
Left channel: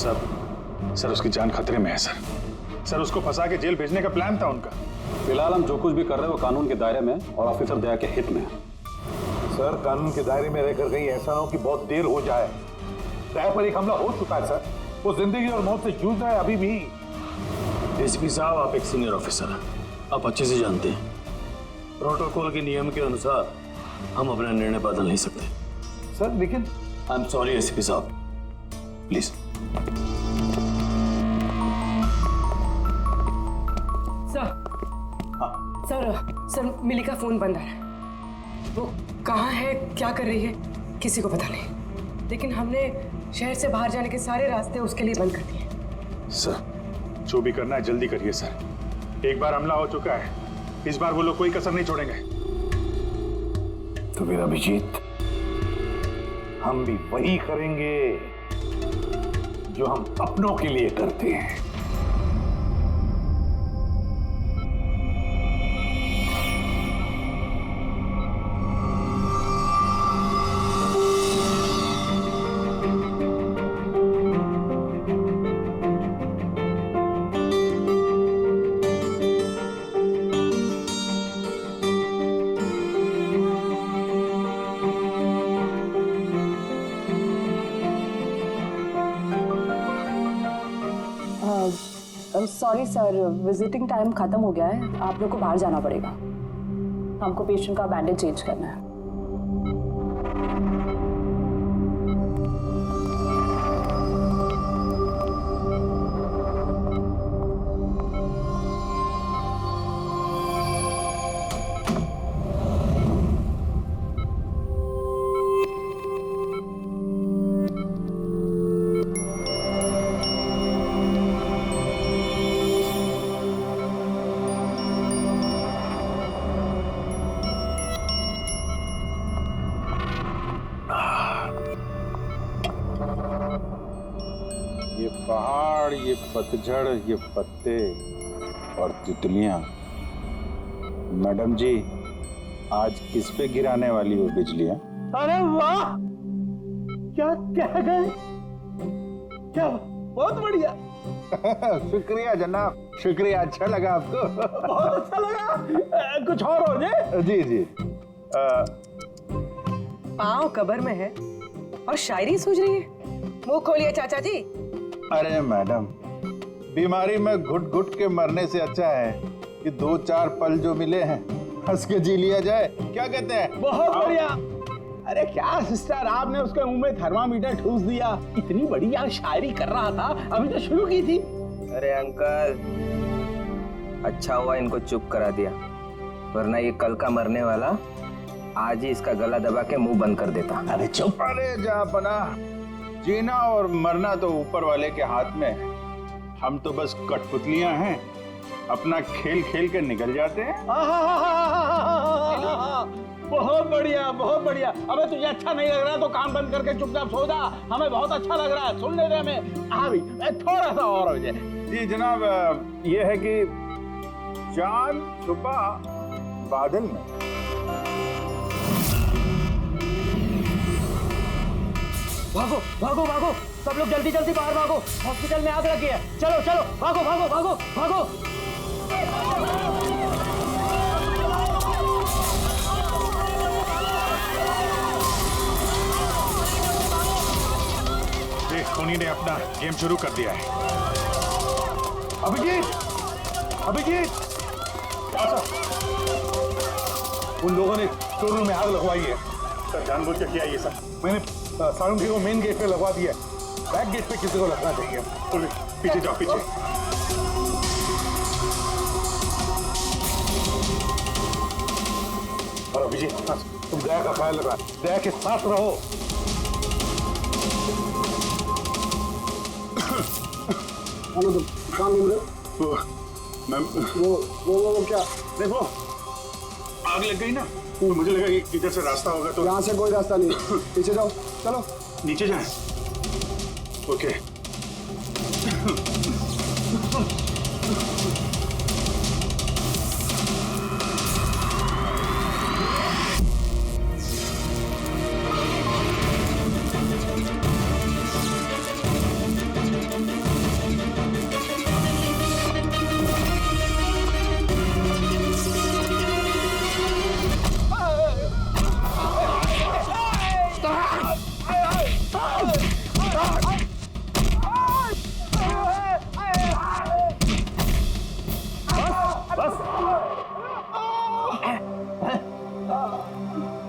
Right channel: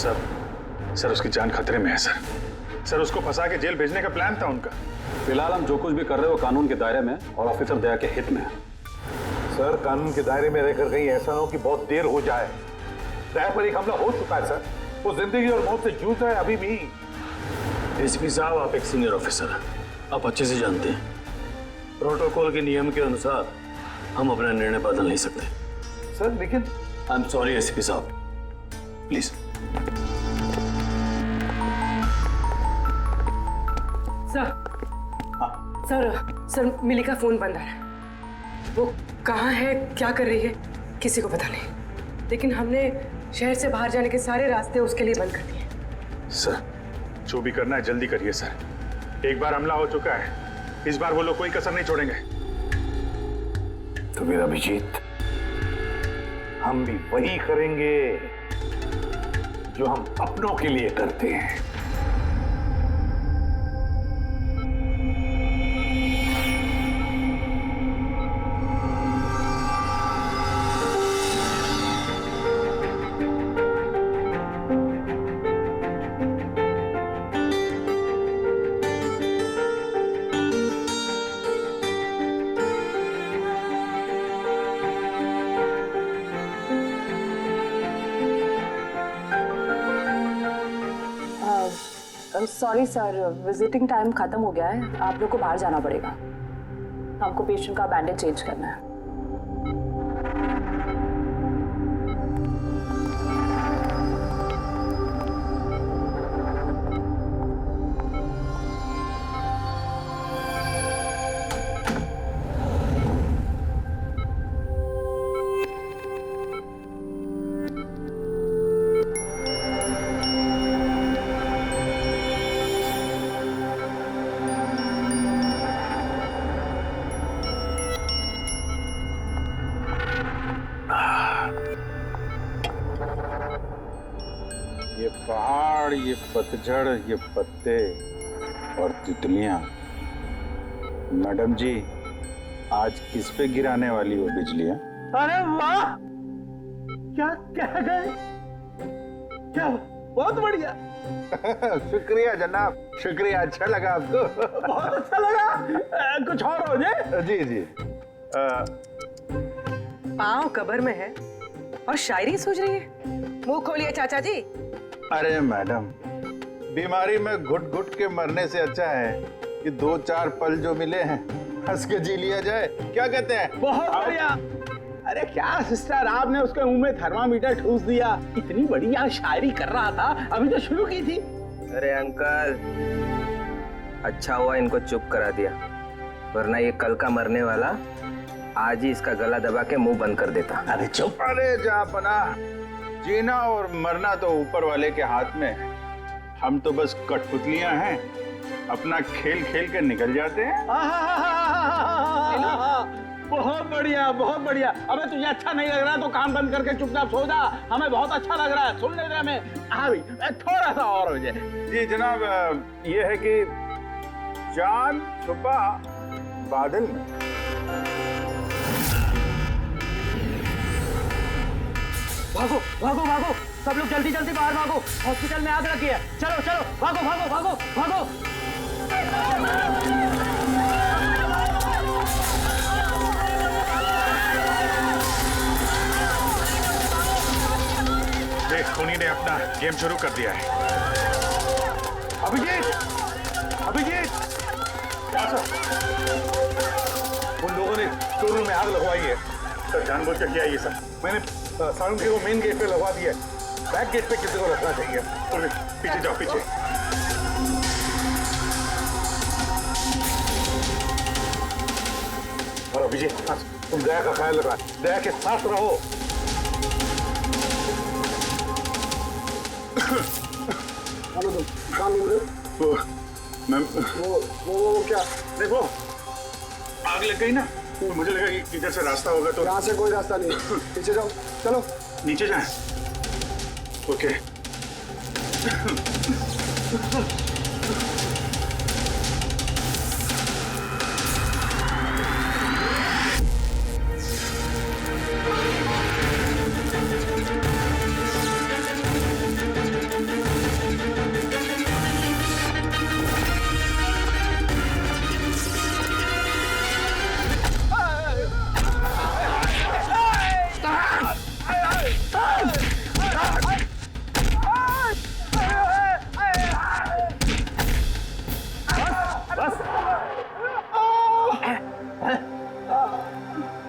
सर उसकी जान खतरे में है सर उसको फंसा के जेल भेजने का प्लान था उनका। फिलहाल हम जो कुछ भी कर रहे हैं वो कानून के दायरे में और ऑफिसर दया के हित में है। सर कानून के दायरे में रहकर कहीं ऐसा ना हो कि बहुत देर हो जाए। दया पर एक हमला हो चुका है सर, वो जिंदगी और मौत से जूझ रहा है अभी भी। एसीपी साहब, आप एक सीनियर ऑफिसर हैं, आप अच्छे से जानते हैं प्रोटोकॉल के नियम के अनुसार हम अपना निर्णय बदल नहीं सकते। सर लेकिन आई एम सॉरी एसीपी साहब, प्लीज। सर मिली का फोन बंद आ रहा है। वो कहाँ है, क्या कर रही है, किसी को पता नहीं। लेकिन हमने शहर से बाहर जाने के सारे रास्ते उसके लिए बंद कर दिए। सर जो भी करना है जल्दी करिए सर। एक बार हमला हो चुका है, इस बार वो लोग कोई कसर नहीं छोड़ेंगे। तो फिर अभिजीत, हम भी वही करेंगे जो हम अपनों के लिए करते हैं। सॉरी सर, विजिटिंग टाइम खत्म हो गया है, आप लोग को बाहर जाना पड़ेगा। हमको पेशेंट का बैंडेज चेंज करना है। पहाड़, ये पतझड़, ये पत्ते और तितलियां। मैडम जी, आज किस पे गिराने वाली हो बिजलियां? अरे वाह, क्या कह गए, क्या बहुत बढ़िया। शुक्रिया जनाब, शुक्रिया। अच्छा लगा आपको? बहुत अच्छा लगा। कुछ और हो जाए? जी जी। पाँव कब्र में है और शायरी सूझ रही है। मुंह खोलिए चाचा जी। अरे मैडम, बीमारी में घुट घुट के मरने से अच्छा है कि 2-4 पल जो मिले हैं हंस के जी लिया जाए। क्या कहते हैं? बहुत बढ़िया। अरे क्या सिस्टर, आपने उसके मुंह में थर्मामीटर ठूस दिया। इतनी बढ़िया शायरी कर रहा था, अभी तो शुरू की थी। अरे अंकल, अच्छा हुआ इनको चुप करा दिया, वरना ये कल का मरने वाला आज ही इसका गला दबा के मुंह बंद कर देता। अरे चुप। अरे जापना, जीना और मरना तो ऊपर वाले के हाथ में है। हम तो बस कठपुतलियां हैं, अपना खेल खेल के निकल जाते हैं। बहुत बढ़िया, बहुत बढ़िया। अबे तुझे अच्छा नहीं लग रहा तो काम बंद करके चुपचाप सो जा। हमें बहुत अच्छा लग रहा है, सुनने दे हमें। हाँ भाई, थोड़ा सा और हो जाए। जी जनाब, ये है कि चांद छुपा बादल में। भागो भागो भागो, सब लोग जल्दी जल्दी बाहर भागो, हॉस्पिटल में आग लगी है। चलो चलो, भागो भागो भागो भागो। देख, खूनी ने अपना गेम शुरू कर दिया है। अभिजीत, अभिजीत, उन लोगों ने शोरूम में आग लगवाई है। सर, जानबूझ के किया ये सब। मैंने साउंड को मेन गेट पे लगवा दिया है। बैक गेट पे किसी को रखना चाहिए। पीछे जाओ, पीछे। और अभिजीत, तुम दया का ख्याल रखना, दया के साथ रहो। तुम काम नहीं वो मैम, वो क्या? देखो, आग लग गई ना, तो मुझे लगा कि इधर से रास्ता होगा। तो यहाँ से कोई रास्ता नहीं, पीछे जाओ, चलो नीचे जाएं। ओके।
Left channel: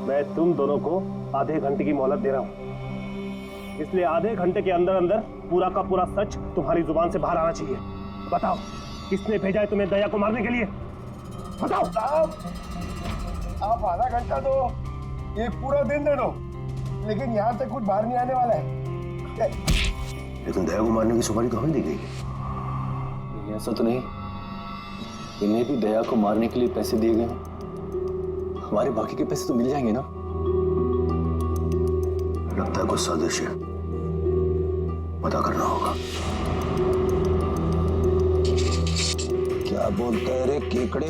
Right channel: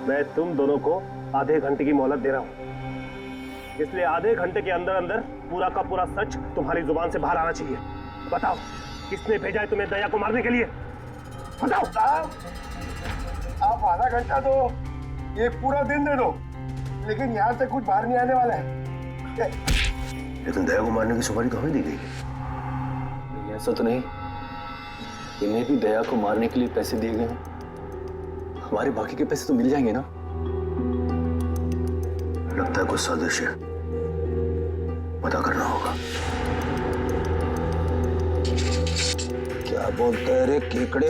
मैं तुम दोनों को आधे घंटे की मोहलत दे रहा हूं, इसलिए आधे घंटे के अंदर अंदर पूरा का पूरा सच तुम्हारी जुबान से बाहर आना चाहिए। बताओ, किसने भेजा है तुम्हें दया को मारने के लिए? बताओ। आप आधा घंटा दो, एक पूरा दिन दे दो, लेकिन यहाँ से कुछ बाहर नहीं आने वाला है। लेकिन दया को मारने की सुपारी तो हमें दी गई। ऐसा तो नहीं, इन्हें भी दया को मारने के लिए पैसे दिए गए हैं। हमारे बाकी के पैसे तो मिल जाएंगे ना? लगता है कुछ साजिश है, पता करना होगा। क्या बोलता है रे केकड़े?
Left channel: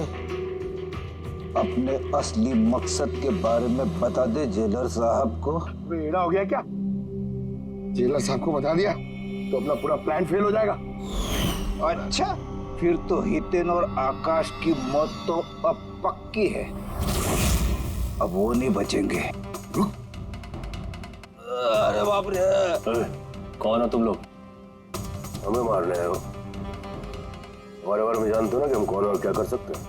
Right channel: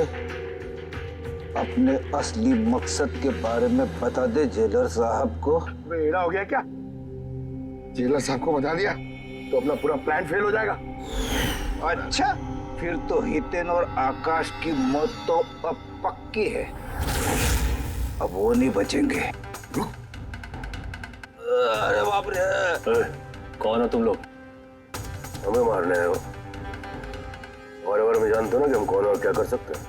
अपने असली मकसद के बारे में बता दे जेलर साहब को। बेड़ा हो गया क्या? जेलर साहब को बता दिया तो अपना पूरा प्लान फेल हो जाएगा। अच्छा, फिर तो हितेन और आकाश की मौत तो अब पक्की है। अब वो नहीं बचेंगे। अरे बाप रे! कौन हो तुम लोग? हमें मारने आए हो? हमारे बारे में जानते हो ना कि हम कौन और क्या कर सकते हैं।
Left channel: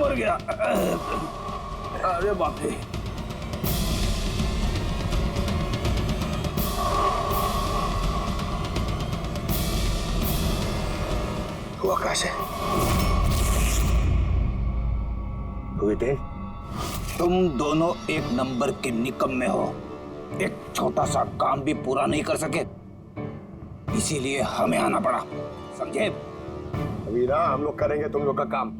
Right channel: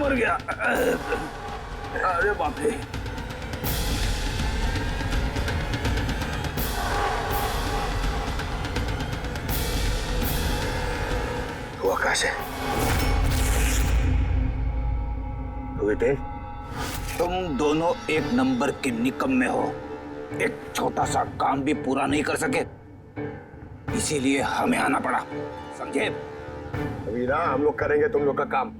मर गया। अरे बाप रे! वो आकाश है। तुम दोनों एक नंबर के निकम्मे हो। एक छोटा सा काम भी पूरा नहीं कर सके, इसीलिए हमें आना पड़ा, समझे? अभी ना हम लोग करेंगे तुम लोग का काम।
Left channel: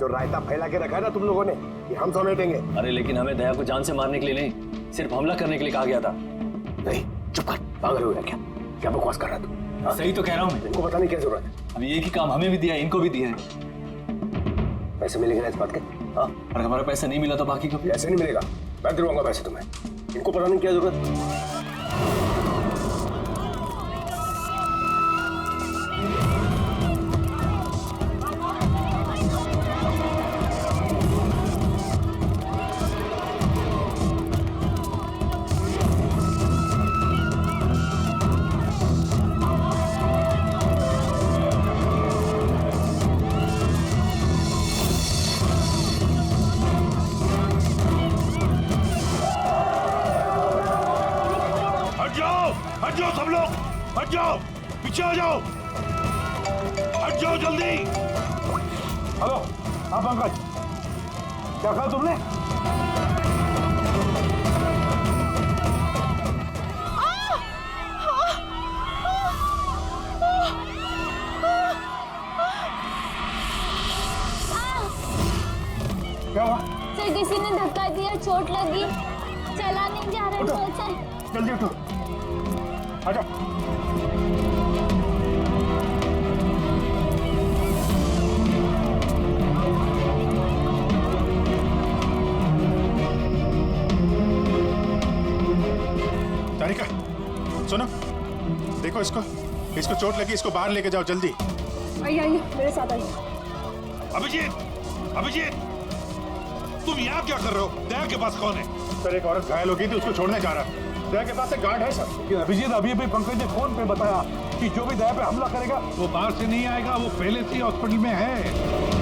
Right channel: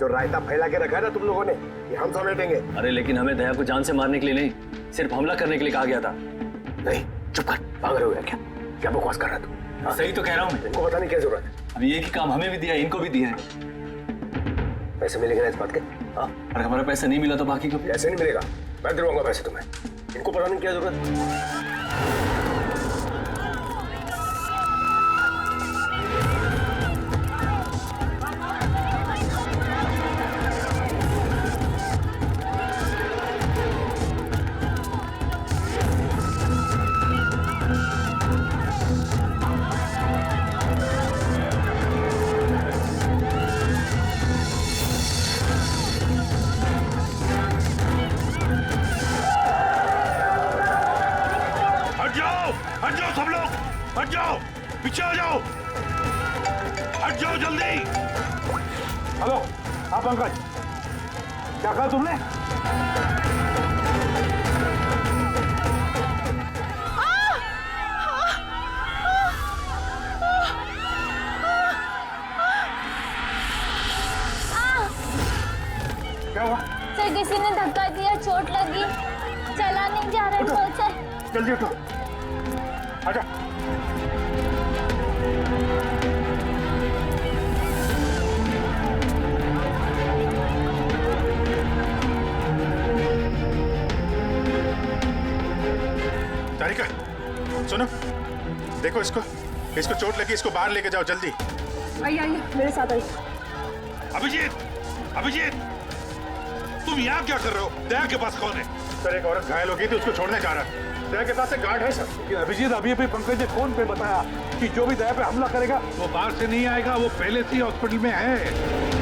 जो रायता फैला के रखा है ना तुम लोगों ने, कि हम समेटेंगे। अरे लेकिन हमें दया को जान से मारने के लिए नहीं, सिर्फ हमला करने के लिए कहा गया था। नहीं, चुप कर, पागल हो गया क्या? क्या बकवास कर रहा तू? सही तो कह रहा हूँ मैं। इनको बताने की क्या जरूरत है? अब ये की काम हमें भी दिया, इनको भी दिया है। पैसे मिलेंगे ना इस बात के? हाँ, अगर हमारा पैसा नहीं मिला तो बाकी को ऐसे नहीं मिलेगा, मैं दिलवाऊंगा पैसे तुम्हें। इनको बताने की क्या जरूरत? हट जाओ सब लोग, हट जाओ, पीछे आ जाओ, हट जाओ जल्दी। हेलो, हाँ पंकज, क्या कहा तुमने? क्या हुआ? सर किसी ने धक्का दिया, चोट लगी, चला नहीं जा रहा है सर। जल्दी उठो, आजा। तारिका, सुनो, देखो इसको चोट लगी, इसको बाहर लेके जाओ जल्दी। आइए आइए मेरे साथ आइए। अभिजीत, तुम यहाँ क्या कर रहे हो? दया के पास कौन है? सर एक औरत घायल हो गई थी, उसको छोड़ने जा रहा है। दया के पास एक गार्ड है सर। लेकिन अभिजीत, अभी पंकज ने फोन पे बताया कि जो भी दया पे हमला करेगा वो बाहर से नहीं आएगा, वो पहले से ही हॉस्पिटल में है।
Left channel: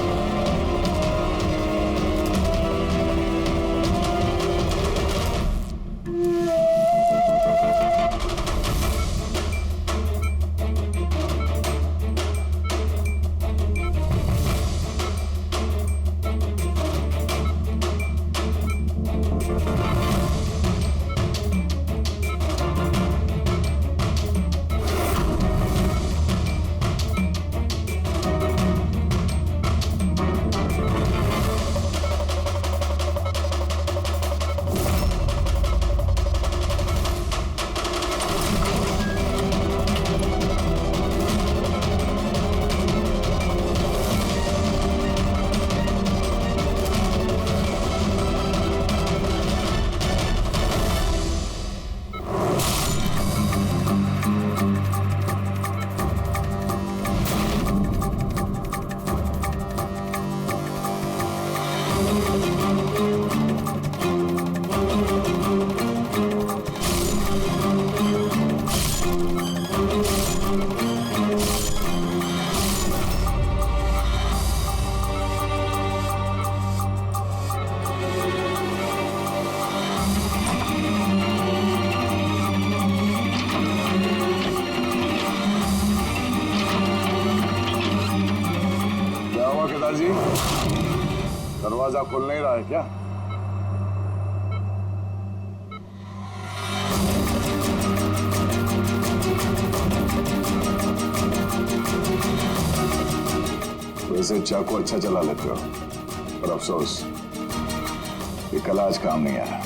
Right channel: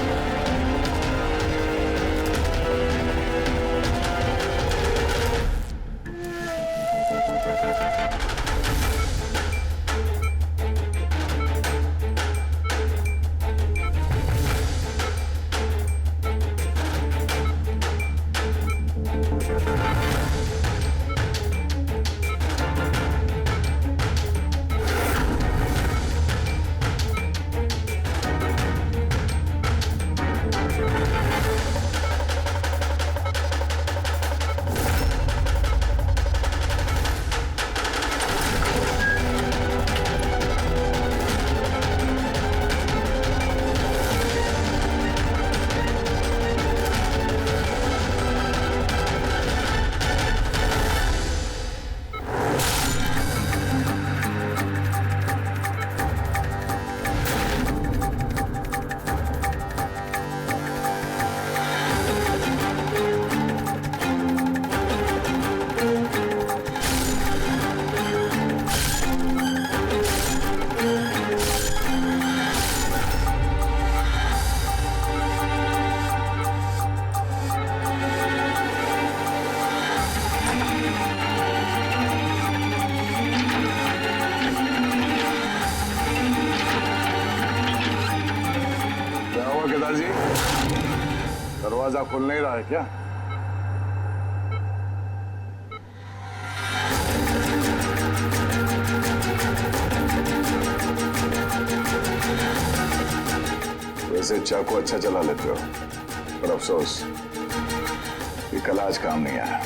केदार जी, दरवाजा खुल नहीं रहा है क्या? वैसे चाकू अच्छा चला लेते हो, पर अफसोस ये कला आज काम नहीं आया।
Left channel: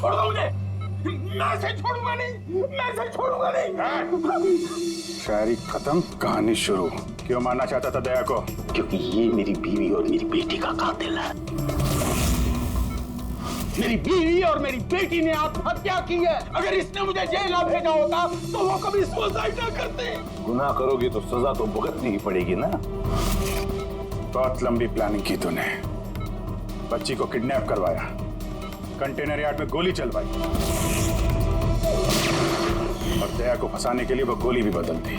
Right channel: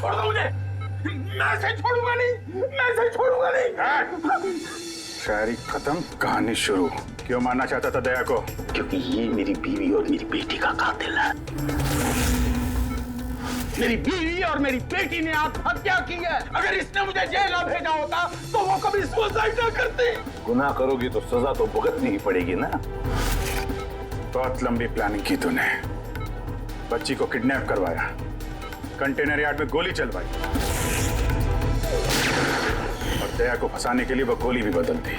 छोड़ दो मुझे, मैं से छोड़ूंगा नहीं, मैं से छोड़ूंगा नहीं। शायरी खत्म, कहानी शुरू। क्यों मारना चाहता था दया को? क्योंकि ये मेरी बीवी और मेरी बेटी का कातिल है। मेरी बीवी और मेरी बेटी ने आत्महत्या की है। अगर इसने मुझे जेल ना भेजा होता तो वो कभी सुसाइड ना करती। गुनाह करोगे तो सजा तो भुगतनी ही पड़ेगी ना। बहुत लंबी प्लानिंग की तूने। बच्ची को किडनैप करवाया, कंटेनर यार्ड में गोली चलवाई और दया को फंसाने के लिए वो गोली भी बदल दी।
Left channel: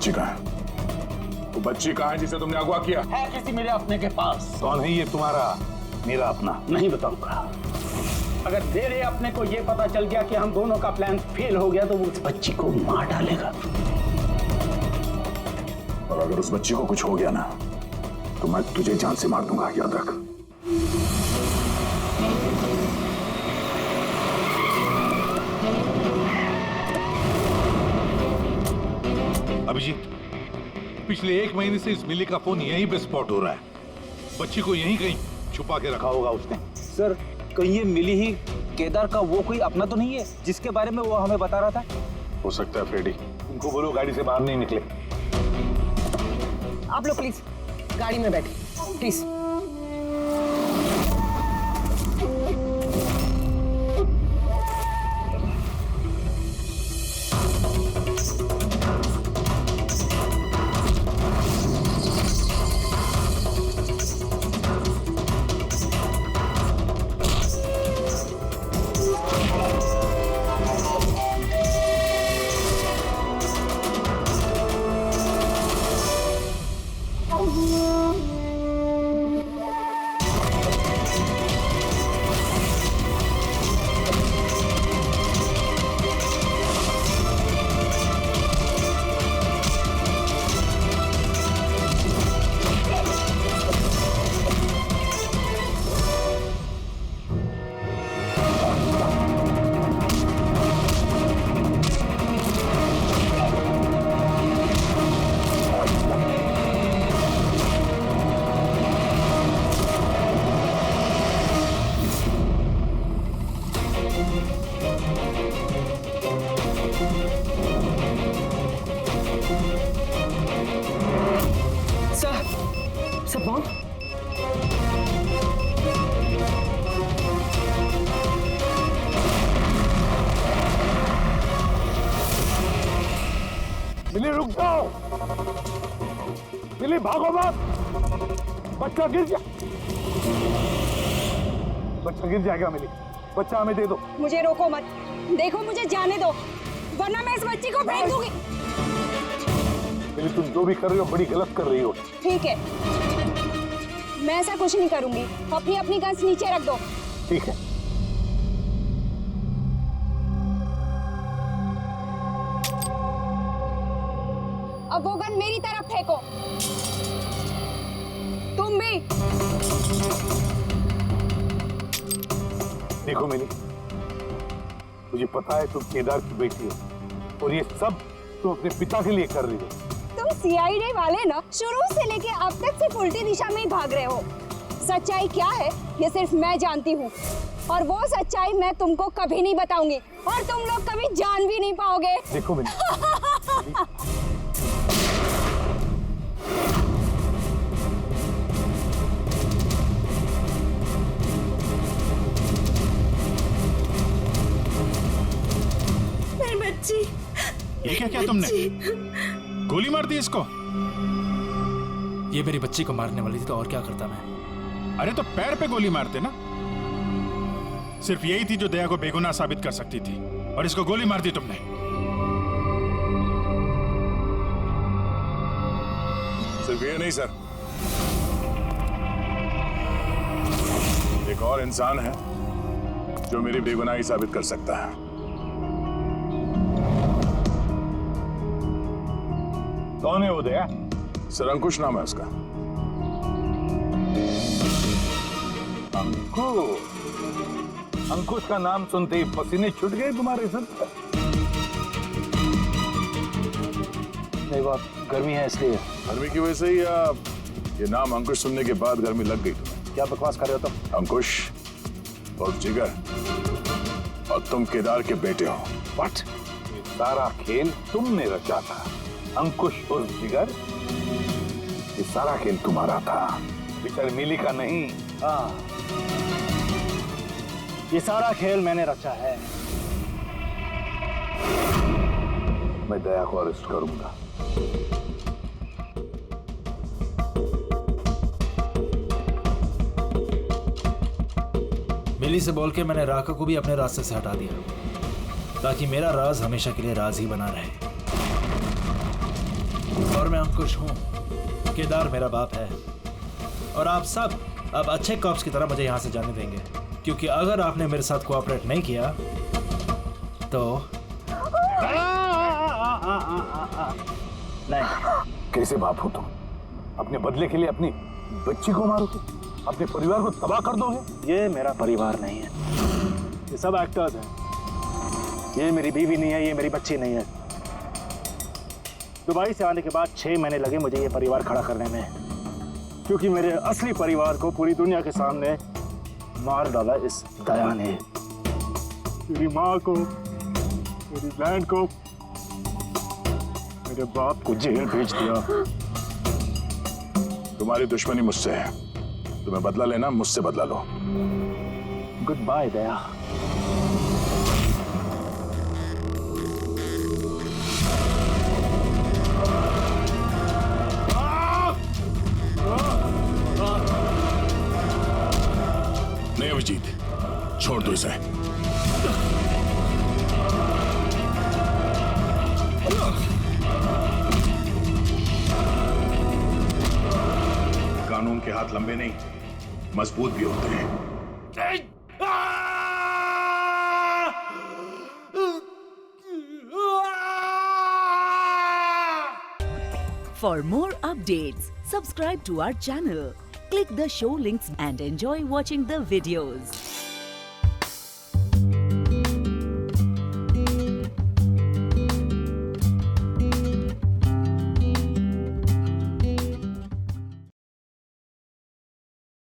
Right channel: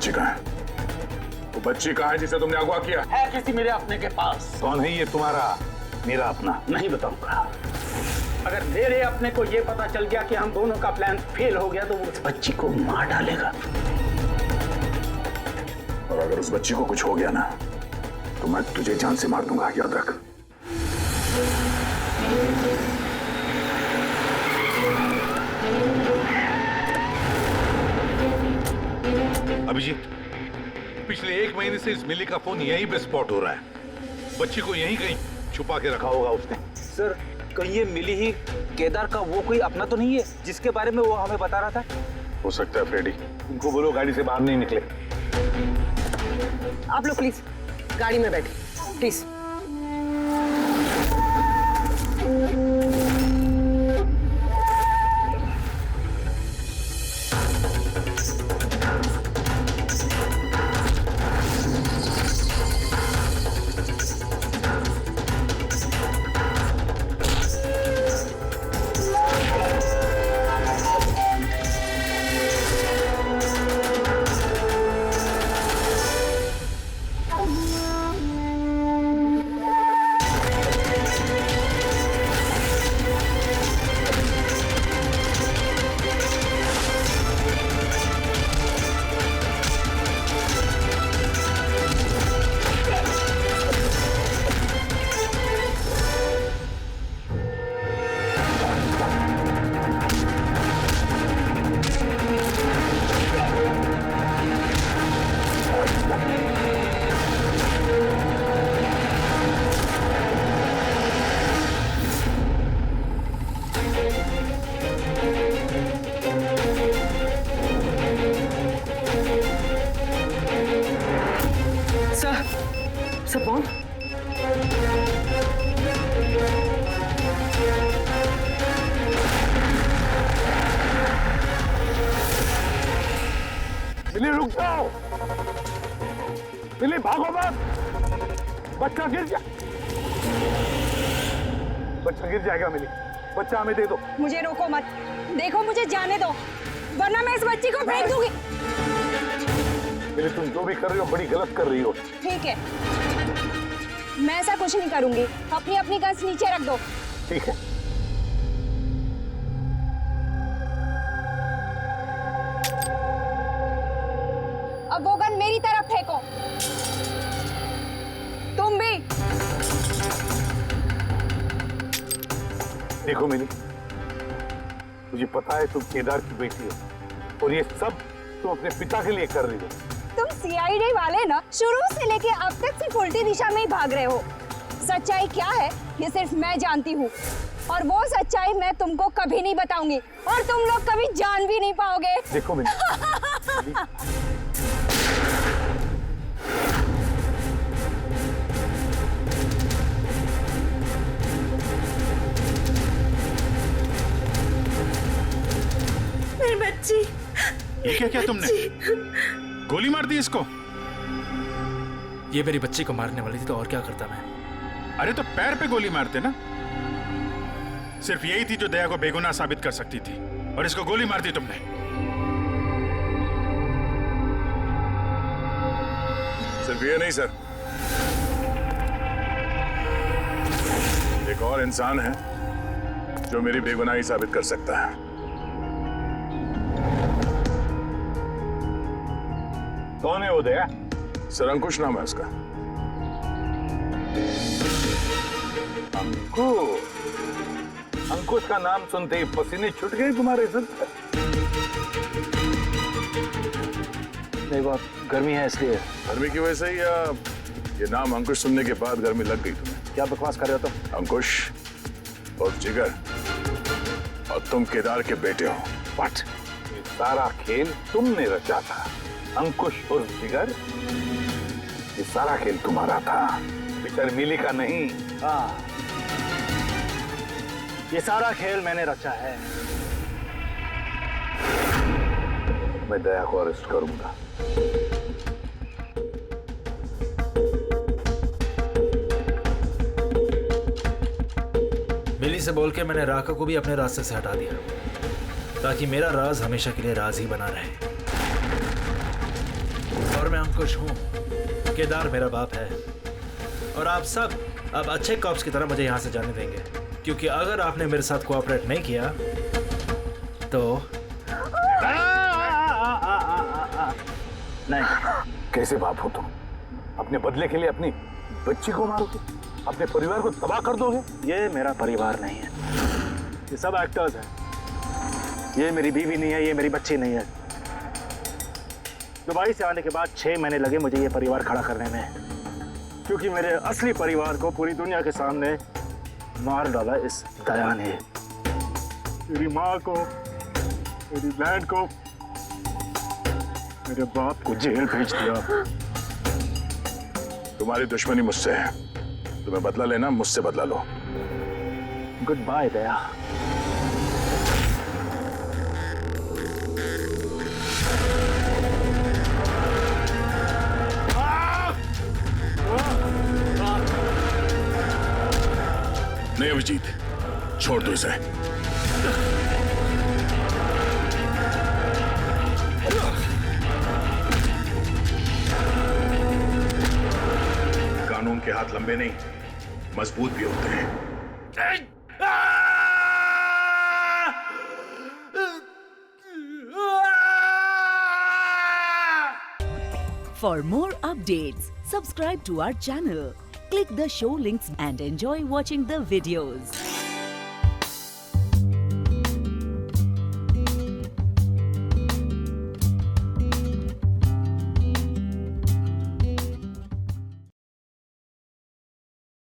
बच्ची कहाँ है? वो बच्ची कहाँ है जिसे तुमने अगवा किया? है किसी मेरे अपने के पास। कौन है ये तुम्हारा मेरा अपना? नहीं बताऊंगा। अगर मेरे अपने को ये पता चल गया कि हम दोनों का प्लान फेल हो गया तो वो उस बच्ची को मार डालेगा। और अगर उस बच्ची को कुछ हो गया ना तो मैं तुझे जान से मार दूंगा, याद रख। अभिजीत, पिछले 1 महीने से इस मिली का फोन यहीं पे स्पॉट हो रहा है। बच्ची को यहीं कहीं छुपा के रखा होगा उसने। सर कहीं ये मिली ही केदार का वो कोई अपना तो नहीं है जिसके बारे में वो हमें बता रहा था? हो सकता है फ्रेडी। उनको बोलो गाड़ी से बाहर नहीं निकले। आप लोग प्लीज गाड़ी में बैठे प्लीज। सब बॉन्ड मिली रुक जाओ। मिली भागो मत। बच्चा गिर जा। बच्चा गिर जाएगा मिली। बच्चा हमें दे दो। मुझे रोको मत। देखो मुझे जाने दो वरना मैं इस बच्ची को फेंक दूंगी। मिली तुम जो भी कर रही हो बड़ी गलत कर रही हो। ठीक है मैं ऐसा कुछ नहीं करूंगी। अपनी अपनी गन्स नीचे रख दो। ठीक है। अब वो गन मेरी तरफ फेंको। तुम भी। देखो मिली मुझे पता है तुम केदार की बेटी हो और ये सब तुम अपने पिता के लिए कर रही हो। तुम सीआईडी वाले ना शुरू से लेके अब तक सिर्फ उल्टी दिशा में ही भाग रहे हो। सच्चाई क्या है ये सिर्फ मैं जानती हूँ और वो सच्चाई मैं तुमको कभी नहीं बताऊंगी और तुम लोग कभी जान भी नहीं पाओगे। देखो मिली मेरी बच्ची। ये क्या किया तुमने? गोली मार दी इसको? ये मेरी बच्ची को मारने वाली थी तो और क्या करता मैं? अरे तो पैर पे गोली मारते ना। सिर्फ यही थी जो दया को बेगुनाह साबित कर सकती थी और इसको गोली मार दी तुमने। सिर्फ ये नहीं सर, एक और इंसान है जो मेरी बेगुनाही साबित कर सकता है। कौन है वो दया? सर अंकुश नाम है उसका। अंकुश का नाम सुनते ही पसीने छूट गए तुम्हारे सर? नहीं बात गर्मी है इसलिए। गर्मी की वजह से ही या ये नाम अंकुश सुनने के बाद गर्मी लग गई तुम्हें? क्या बकवास कर रहे हो तुम? अंकुश और जिगर और तुम केदार के बेटे हो। व्हाट? ये सारा खेल तुमने रचा था अंकुश और जिगर। ये सारा खेल तुम्हारा था बेचारी मिली का नहीं। हाँ ये सारा खेल मैंने रचा है। मैं दया को अरेस्ट करूंगा। मिली से बोल के मैंने राका को भी अपने रास्ते से हटा दिया ताकि मेरा राज हमेशा के लिए राज ही बना रहे। और मैं अंकुश हूँ। केदार मेरा बाप है और आप सब अब अच्छे कॉप्स की तरह मुझे यहाँ से जाने देंगे, क्योंकि अगर आपने मेरे साथ कोऑपरेट नहीं किया तो नहीं। कैसे बाप हो तुम? अपने बदले के लिए अपनी बच्ची को मारोगे, अपने परिवार को तबाह कर दोगे? ये मेरा परिवार नहीं है, ये सब एक्टर्स हैं। ये मेरी बीवी नहीं है, ये मेरी बच्ची नहीं है। दुबई से आने के बाद 6 महीने लगे मुझे ये परिवार खड़ा करने में, क्योंकि मेरे असली परिवार को पूरी दुनिया के सामने मार डाला इस दया ने। मेरी माँ को, मेरी बहन को, मेरे बाप को जेल भेज दिया। तुम्हारी दुश्मनी मुझसे है, तुम्हें बदला लेना, मुझसे बदला लो। गुड बाय दया। नहीं अभिजीत, छोड़ दो इसे। कानून के हाथ लंबे नहीं, मजबूत भी होते हैं। For more updates, subscribe to our channel, click the show links and enjoy watching the videos.